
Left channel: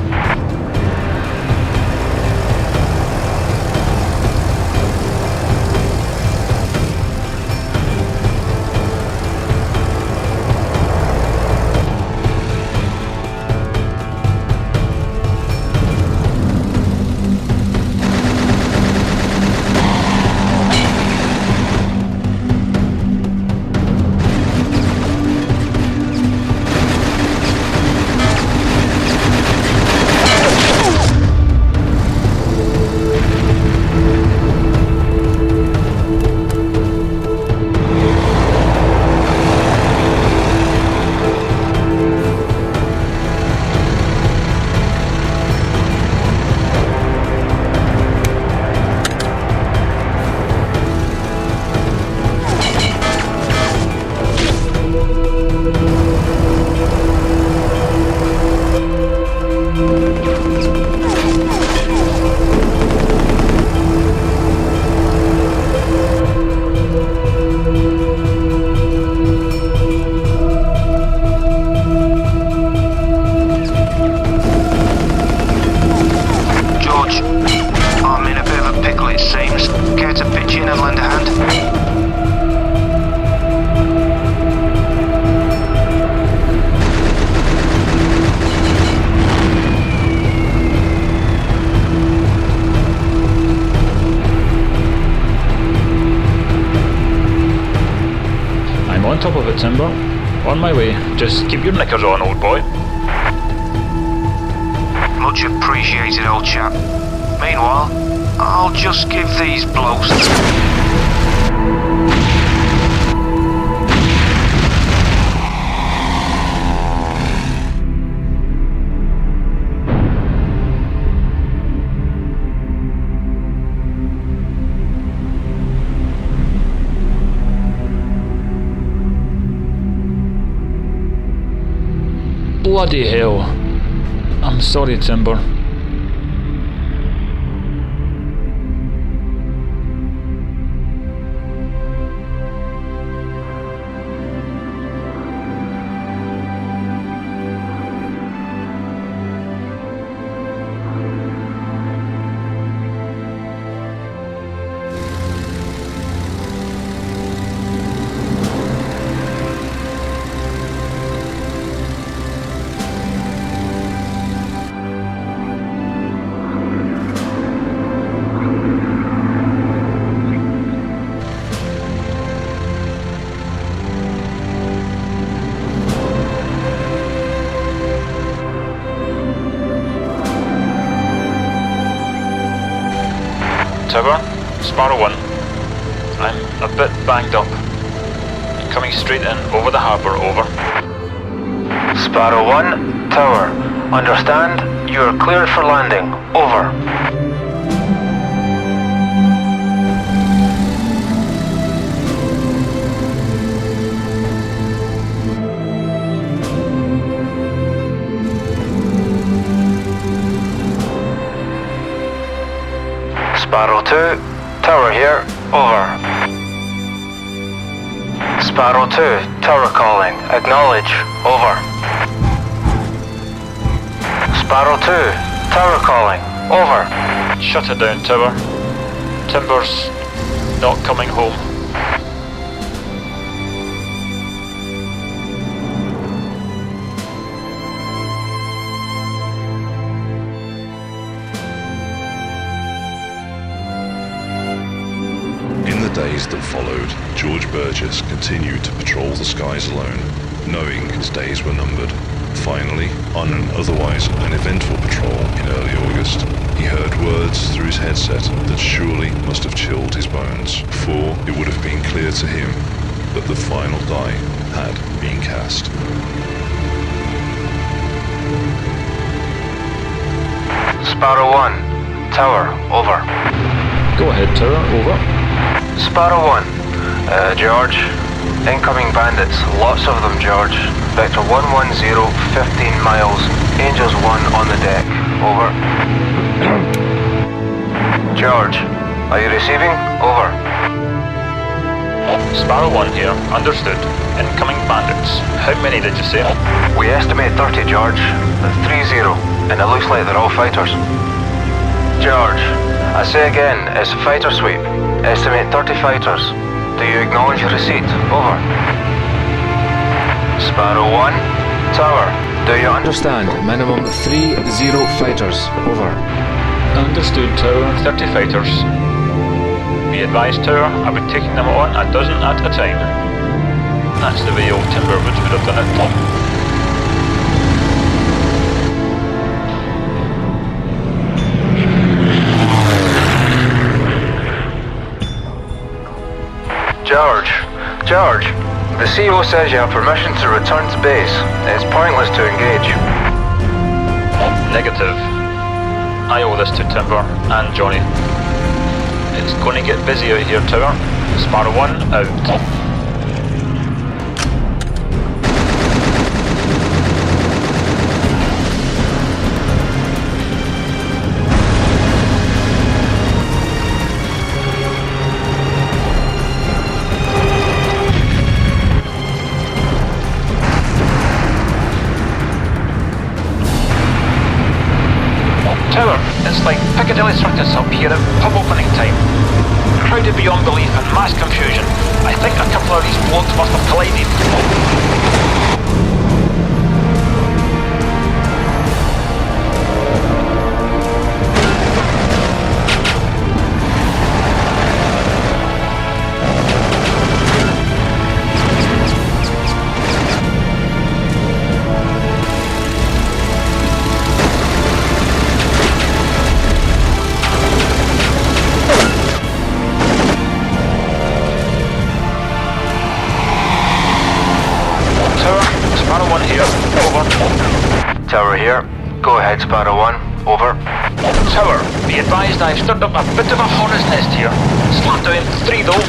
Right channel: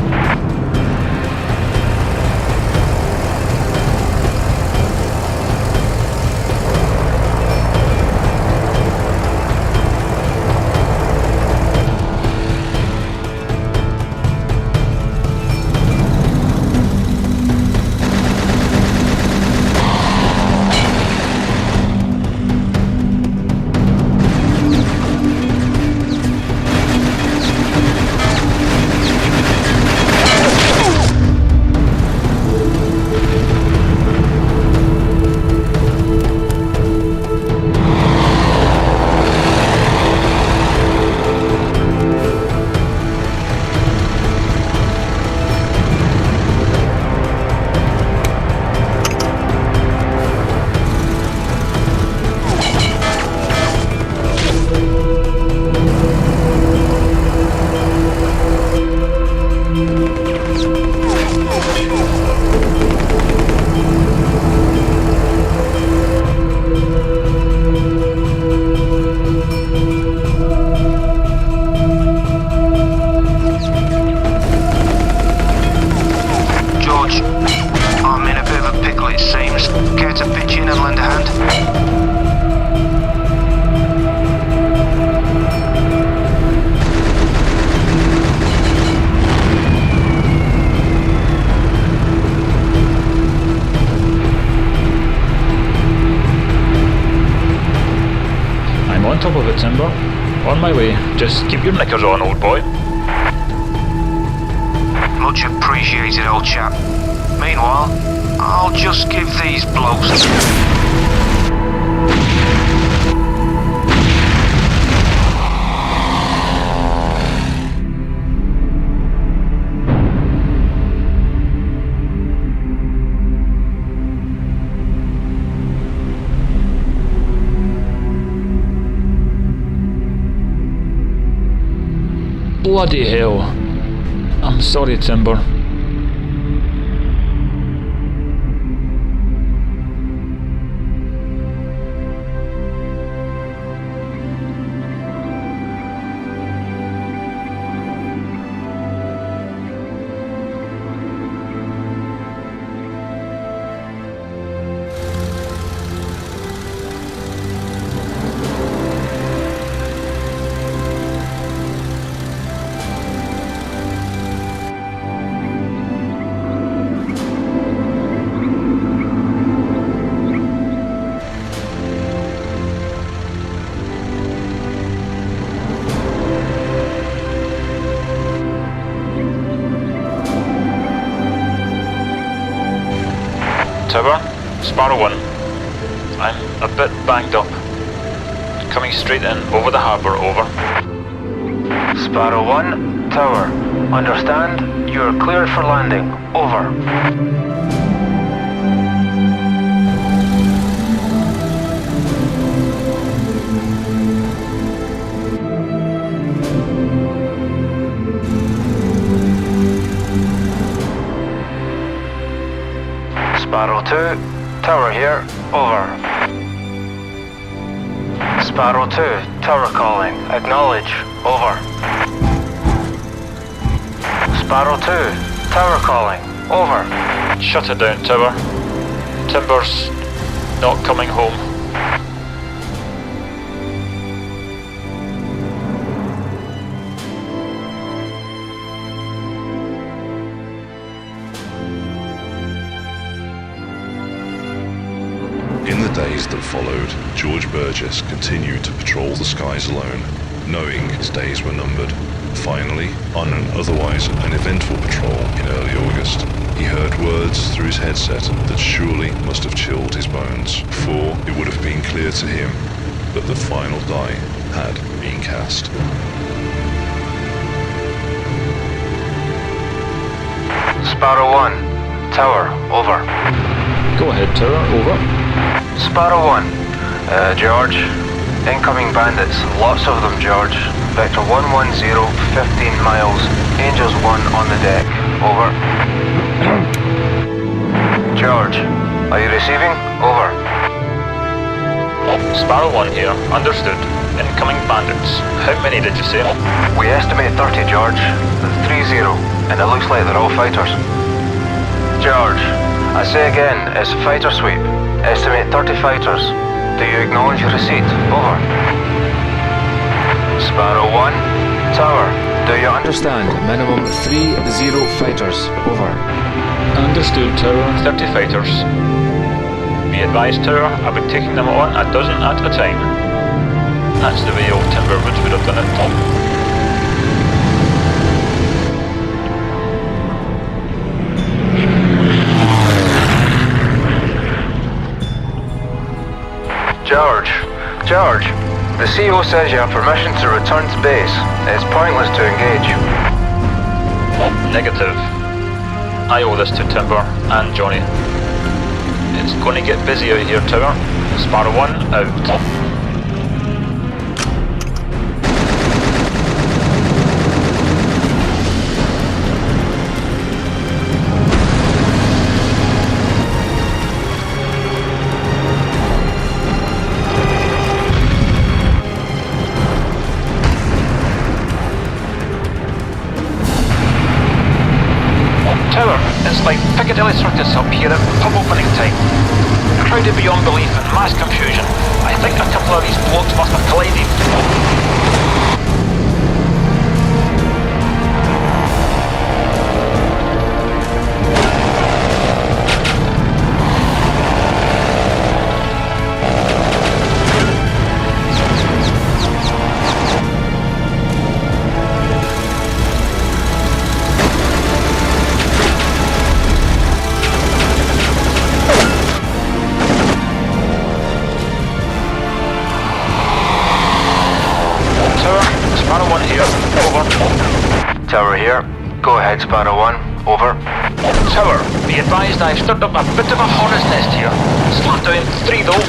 I'm in a bit of a pickle, it seems. Care to pitch in and lend a hand? I'm on top of it, Timber. On my way. Just keep your knickers on, old boy. Much appreciated, old chap. Meanwhile, I'll just give these blokes... Bloody hell. I'm sorry, Timber. Tower, Sparrow 1. I'm a bit banged up. Coming straight in over the harbour, over. Sparrow 1, Tower. Understand? You are cleared for landing. Over. Sparrow 2, Tower here. Over. Sparrow 2, Tower calling. Acknowledge. Over. Sparrow 2, Tower calling. Over. Shut it down, Tower. Timber's not coming home. In the days that followed, George Burgess continued to patrol the skies alone, knowing his days were numbered. Finally, on an otherwise uneventful patrol in early August, he heard words through his headset that surely must have chilled his bones, for it would have been clear to him that the final die had been cast. Sparrow 1, Tower. Over. Go ahead, Tower, over. Sparrow 1, George. Incoming bandits, lots of them, George. Vector 110, 15 miles. Angels 1 on the deck. Over. George, are you receiving? Over. Sparrow 1 here, understood. Incoming bandits. How many did you say? We estimate 30, George. 30, and it looks like they're all fighters. George, I say again, it's fighter sweep. Estimate 30 fighters. Do you acknowledge your receipt? Over. Sparrow 1, Tower. Do you understand? Minimum 30 fighters. Over. Understood, Tower. 30 fighters. Be advised, Tower, I'll be taking them on a dozen at a time. That's the way old Timberwoods would have done it. George, the CO says you have permission to return to base. It's pointless to engage. Negative. I owe this to Timber and Johnny. It's going to get busy out here, Tower. Sparrow 1 out. It's like Piccadilly Circus up here at pub opening time. Crowded beyond belief and mass confusion. I think a couple of these blokes must have collided. Tower here. Go ahead, Sparrow 1. Over. Tower, be advised I've stirred up a bit of a hornet's nest here. Slap down 3 though.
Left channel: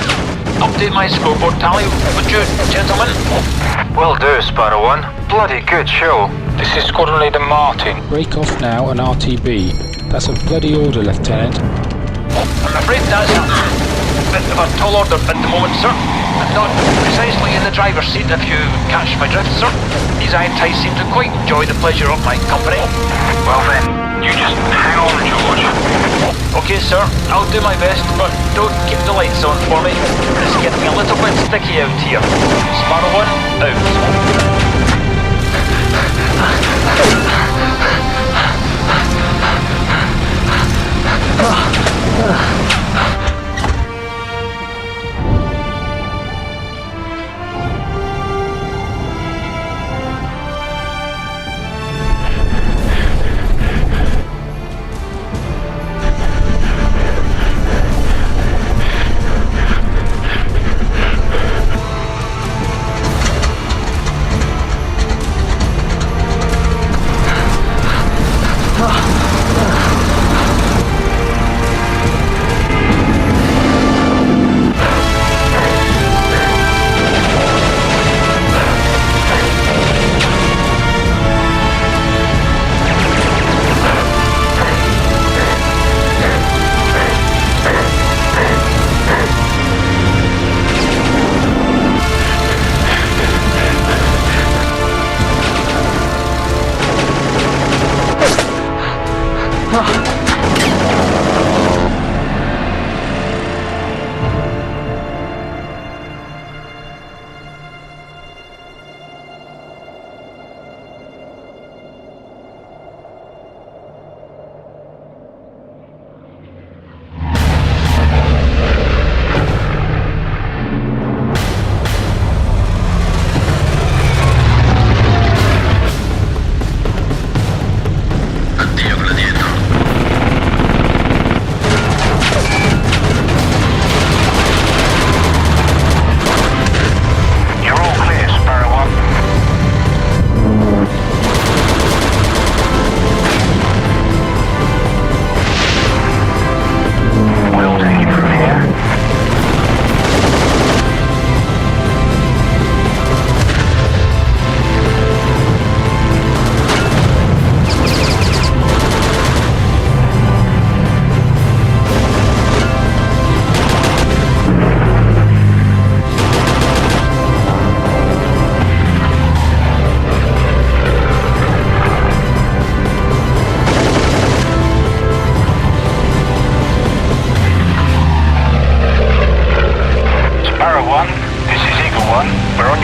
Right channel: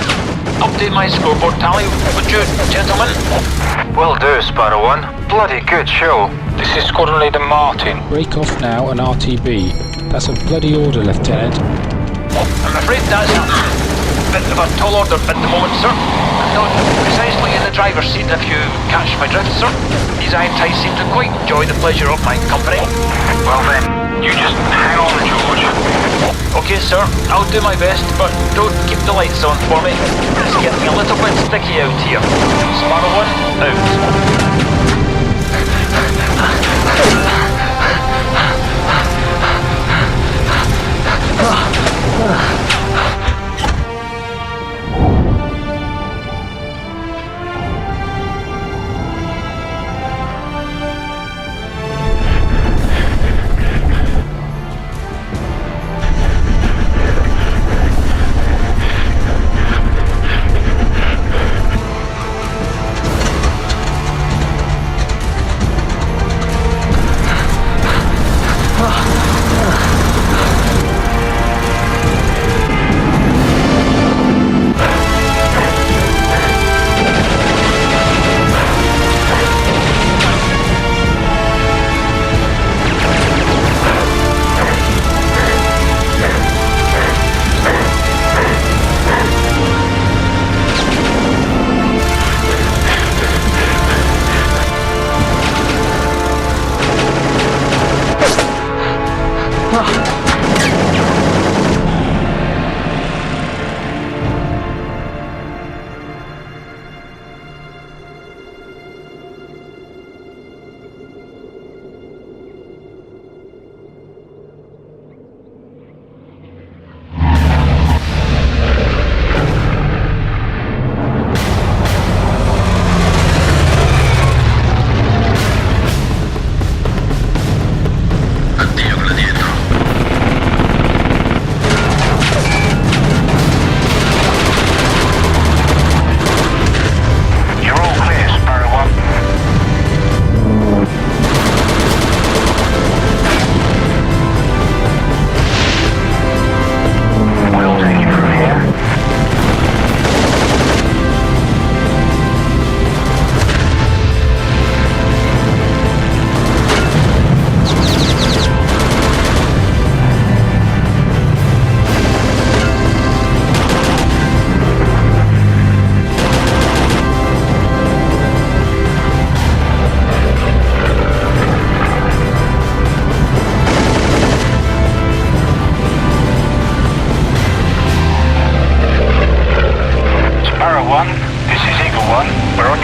Update my scoreboard tally, would you, gentlemen? Will do, Sparrow 1. Bloody good show. This is Squadron Leader Martin. Break off now and RTB. That's a bloody order, Lieutenant. I'm afraid that's a bit of a tall order at the moment, sir. I'm not precisely in the driver's seat, if you catch my drift, sir. These Iron-Ties seem to quite enjoy the pleasure of my company. Well then, you just hang on, George. Okay, sir, I'll do my best, but don't keep the lights on for me. It's getting a little bit sticky out here. Sparrow 1, out.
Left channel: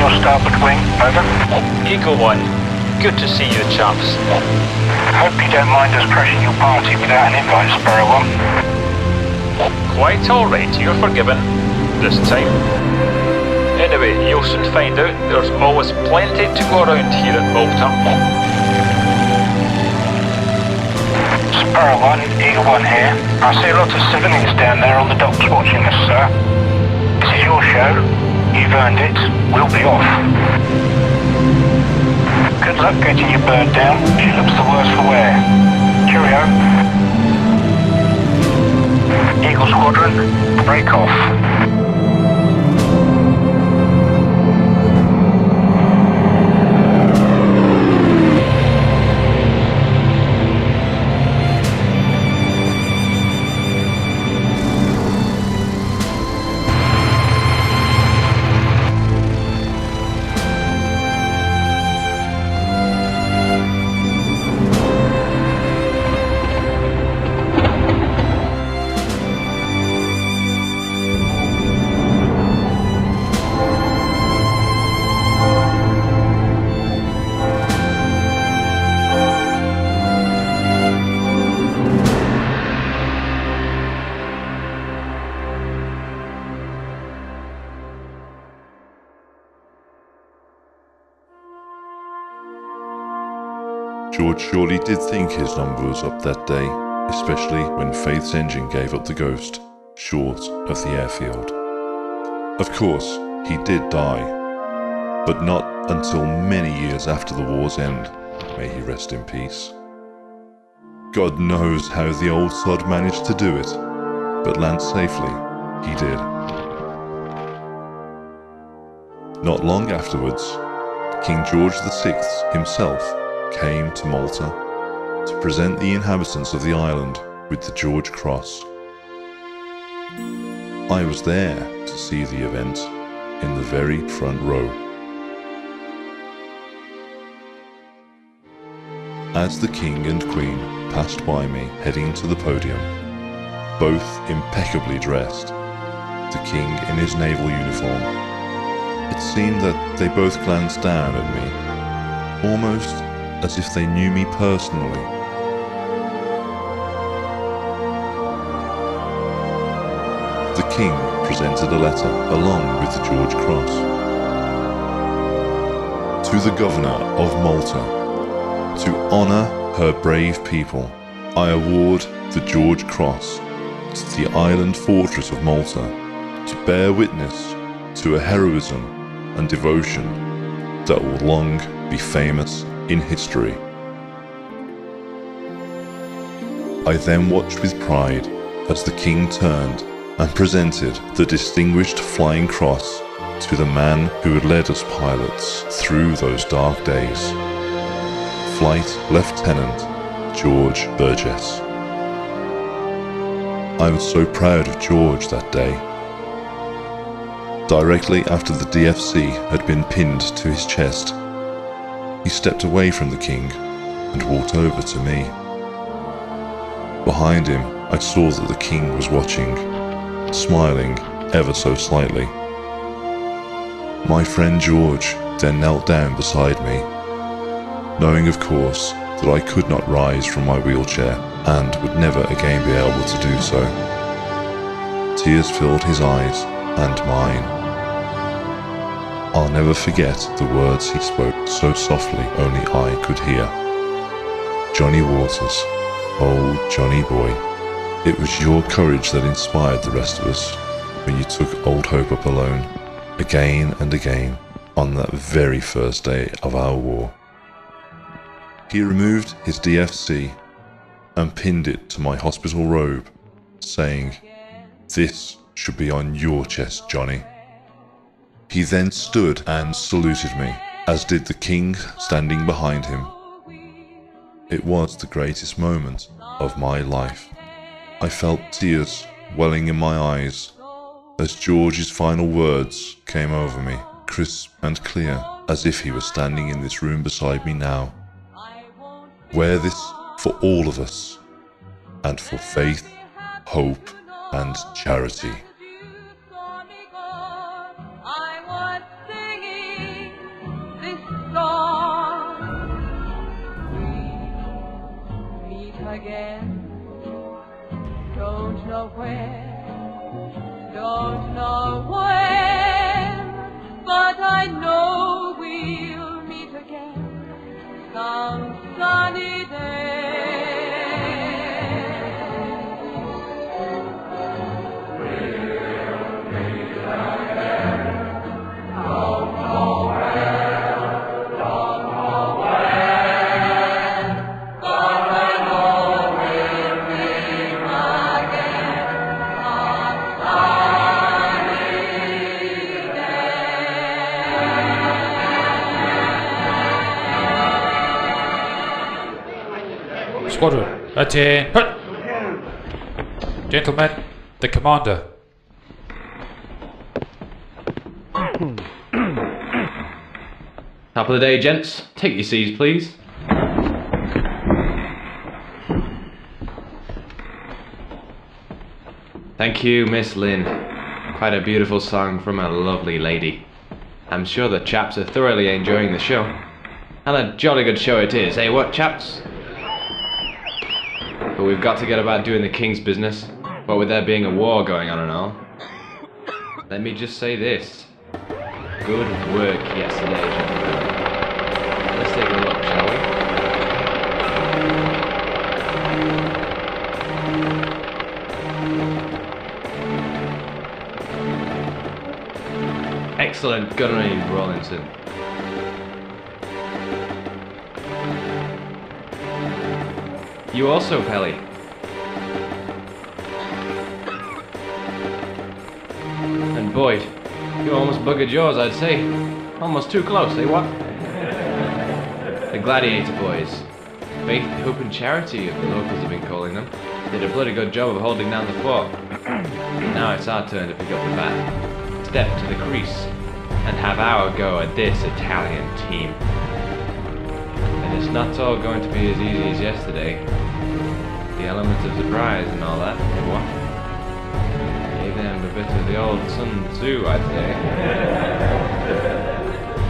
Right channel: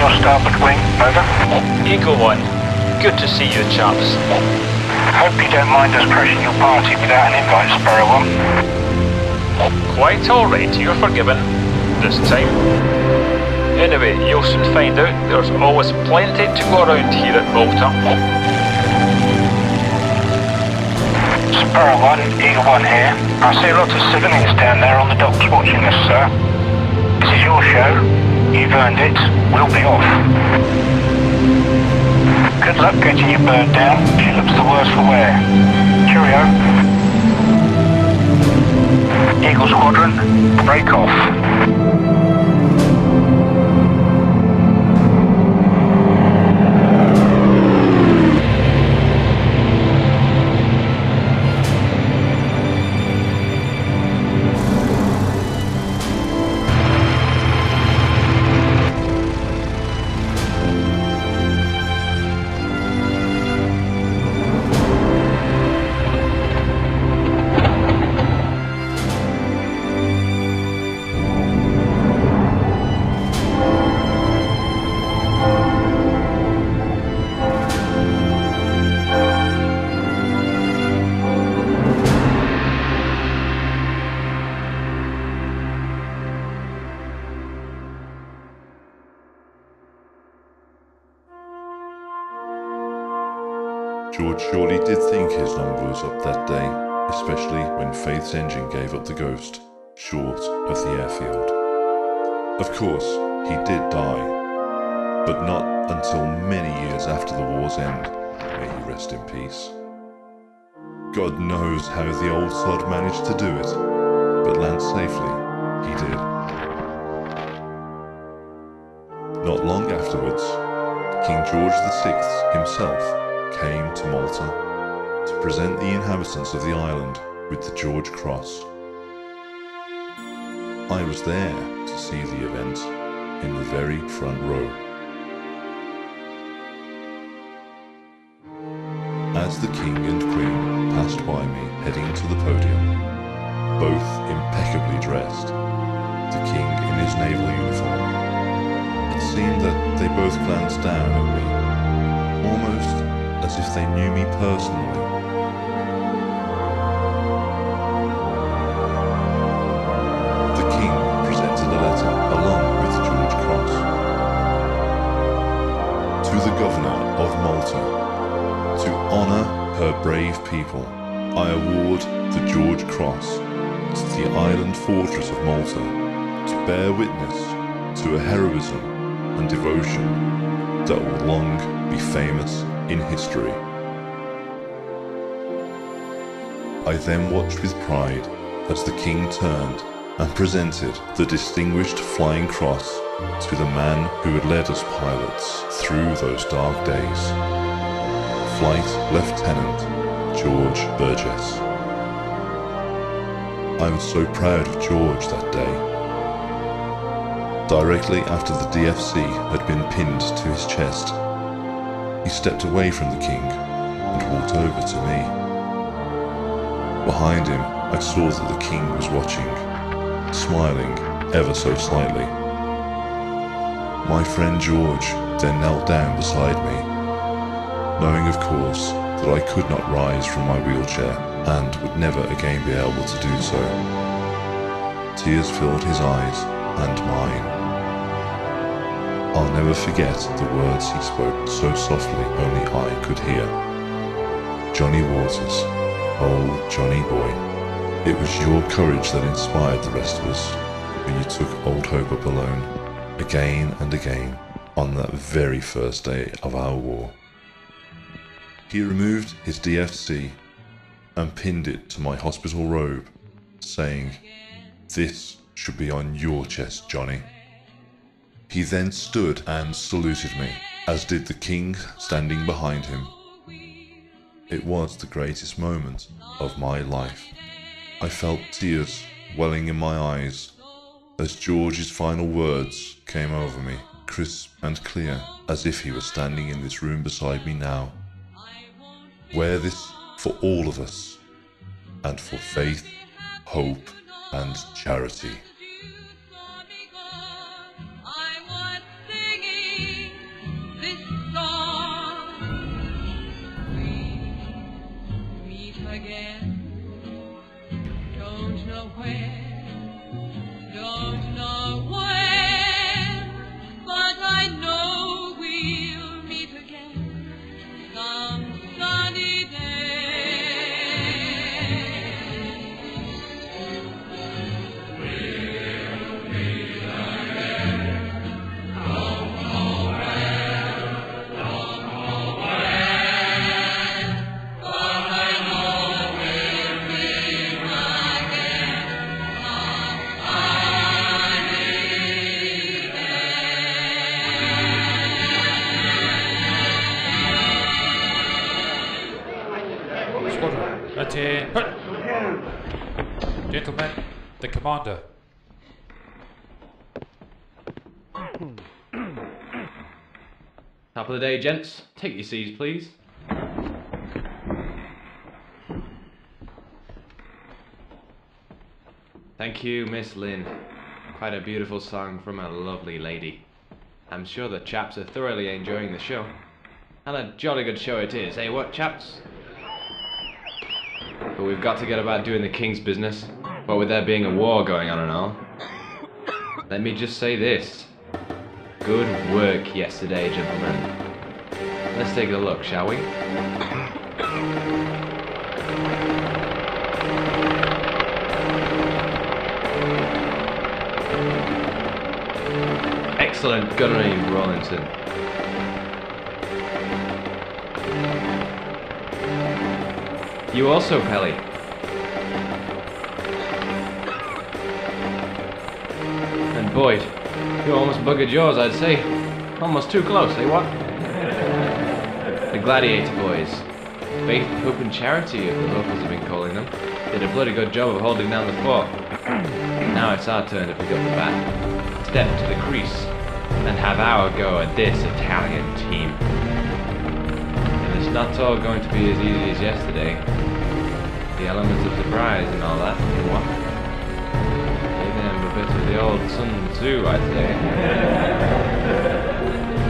your starboard wing, over. Eagle 1, good to see you, chaps. Hope you don't mind us crashing your party without an invite, Sparrow 1. Quite alright, you're forgiven. This time. Anyway, you'll soon find out there's always plenty to go around here at Malta. Sparrow 1, Eagle 1 here. I see a lot of civilians down there on the docks watching us, sir. This is your show. You've earned it. We'll be off. Good luck getting your bird down. She looks the worse for wear. Cheerio. Eagle Squadron, break off. George surely did think his number was up that day, especially when Faith's engine gave up the ghost, short of the airfield. Of course, he did die, but not until many years after the war's end. May he rest in peace. God knows how the old sod managed to do it, but land safely he did. Not long afterwards, King George VI himself came to Malta to present the inhabitants of the island with the George Cross. I was there to see the event in the very front row. As the King and Queen passed by me heading to the podium, both impeccably dressed, the King in his naval uniform, it seemed that they both glanced down at me, almost as if they knew me personally. The King presented a letter along with the George Cross. To the Governor of Malta, to honour her brave people, I award the George Cross to the island fortress of Malta to bear witness to a heroism and devotion that will long be famous in history. I then watched with pride as the King turned and presented the Distinguished Flying Cross to the man who had led us pilots through those dark days, Flight Lieutenant George Burgess. I was so proud of George that day. Directly after the DFC had been pinned to his chest, he stepped away from the King and walked over to me. Behind him, I saw that the King was watching, smiling ever so slightly. My friend George then knelt down beside me, knowing of course that I could not rise from my wheelchair and would never again be able to do so. Tears filled his eyes and mine. I'll never forget the words he spoke so softly only I could hear. Johnny Waters, oh Johnny boy, it was your courage that inspired the rest of us when you took Old Hope up alone, again and again, on that very first day of our war. He removed his DFC and pinned it to my hospital robe, saying, "This should be on your chest, Johnny." He then stood and saluted me, as did the King standing behind him. It was the greatest moment of my life. I felt tears welling in my eyes as George's final words came over me, crisp and clear, as if he was standing in this room beside me now. Wear this for all of us, and for faith, hope, and charity. I was singing know where, don't know when, but I know we'll meet again some sunny day. Squadron, attend. Gentlemen, the commander. Top of the day, gents. Take your seats, please. Thank you, Miss Lynn. Quite a beautiful song from a lovely lady. I'm sure the chaps are thoroughly enjoying the show. And a jolly good show it is, eh what, chaps? But we've got to get about doing the king's business, what with there being a war going on and all. Let me just say this. Good work yesterday, gentlemen. Let's take a look, shall we? Excellent gunnery, Rawlinson. You also, Pelly. And Boyd, you almost buggered yours, I'd say. Almost too close, eh, what? The Gladiator Boys. Faith, Hope and Charity, if the locals have been calling them. Did a bloody good job of holding down the fort. Now it's our turn to pick up the bat. Step to the crease and have our go at this Italian team. And it's not all going to be as easy as yesterday. The element of surprise and all that, eh, what? Gave them a bit of the old Sun Tzu, I'd say.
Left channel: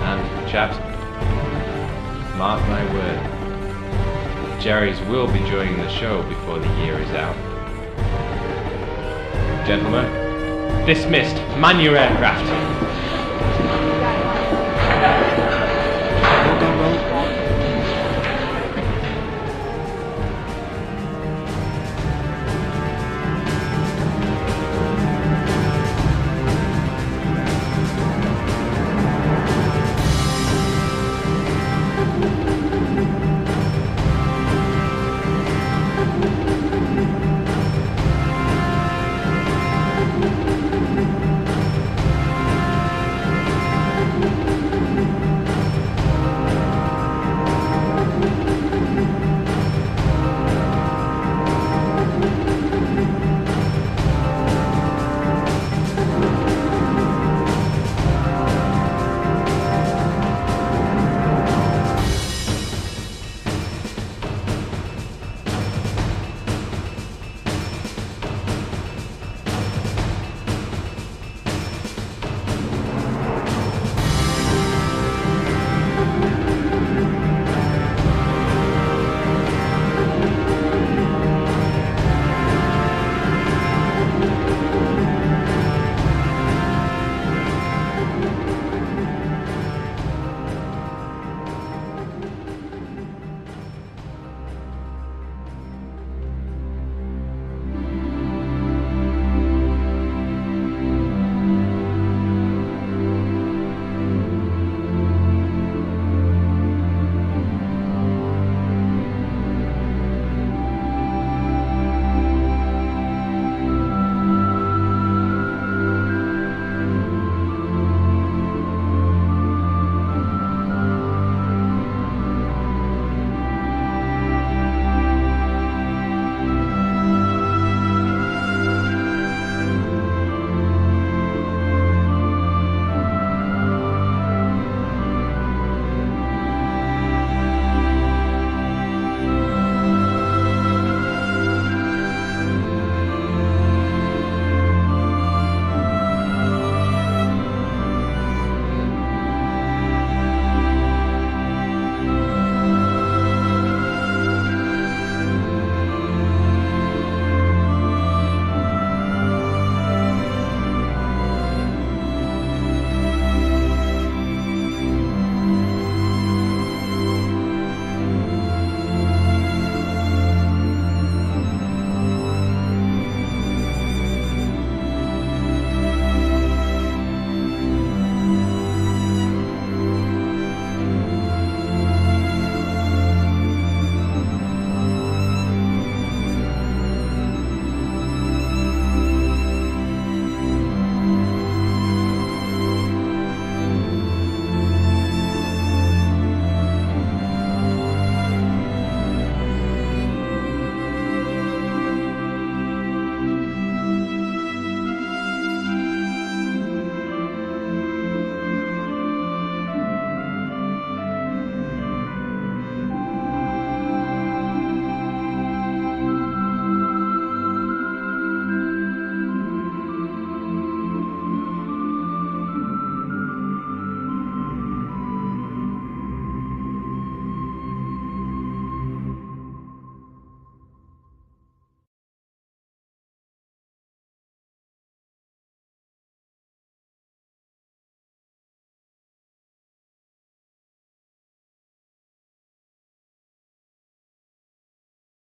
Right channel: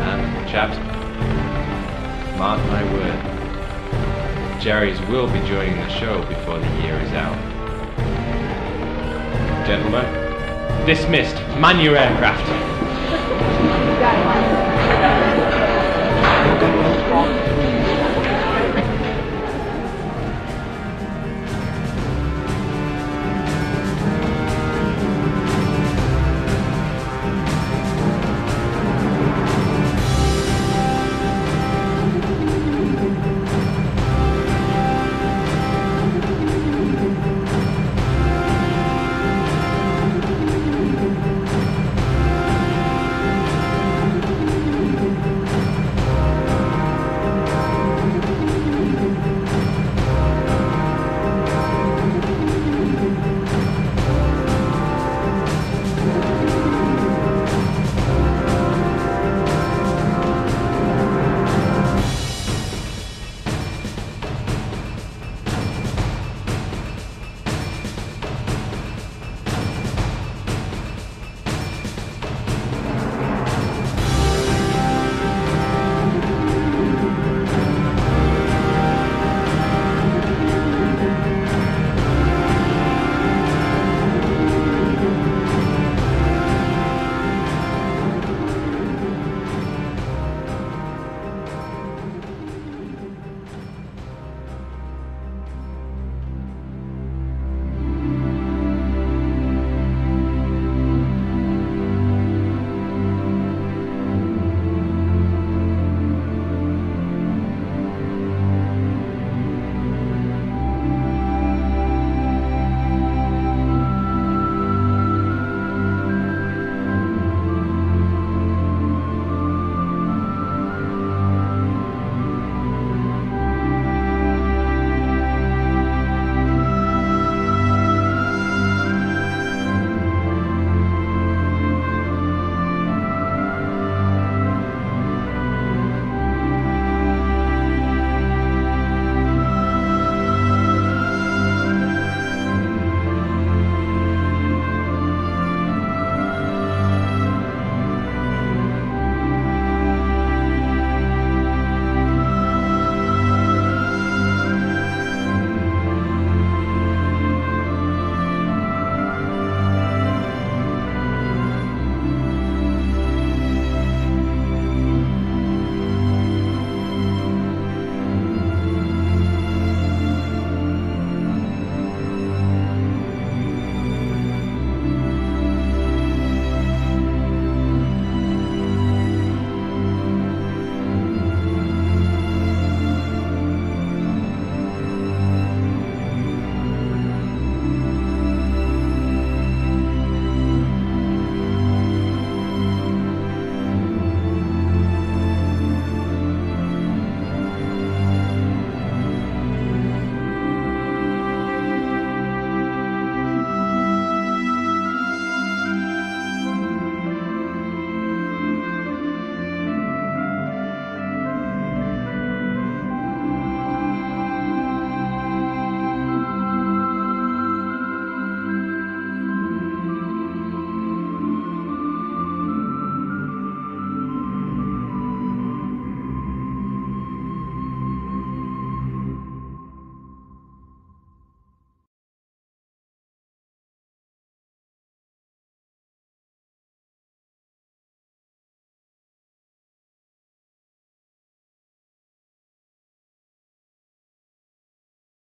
And, chaps, mark my word, Jerry's will be joining the show before the year is out. Gentlemen, dismissed. Man your aircraft.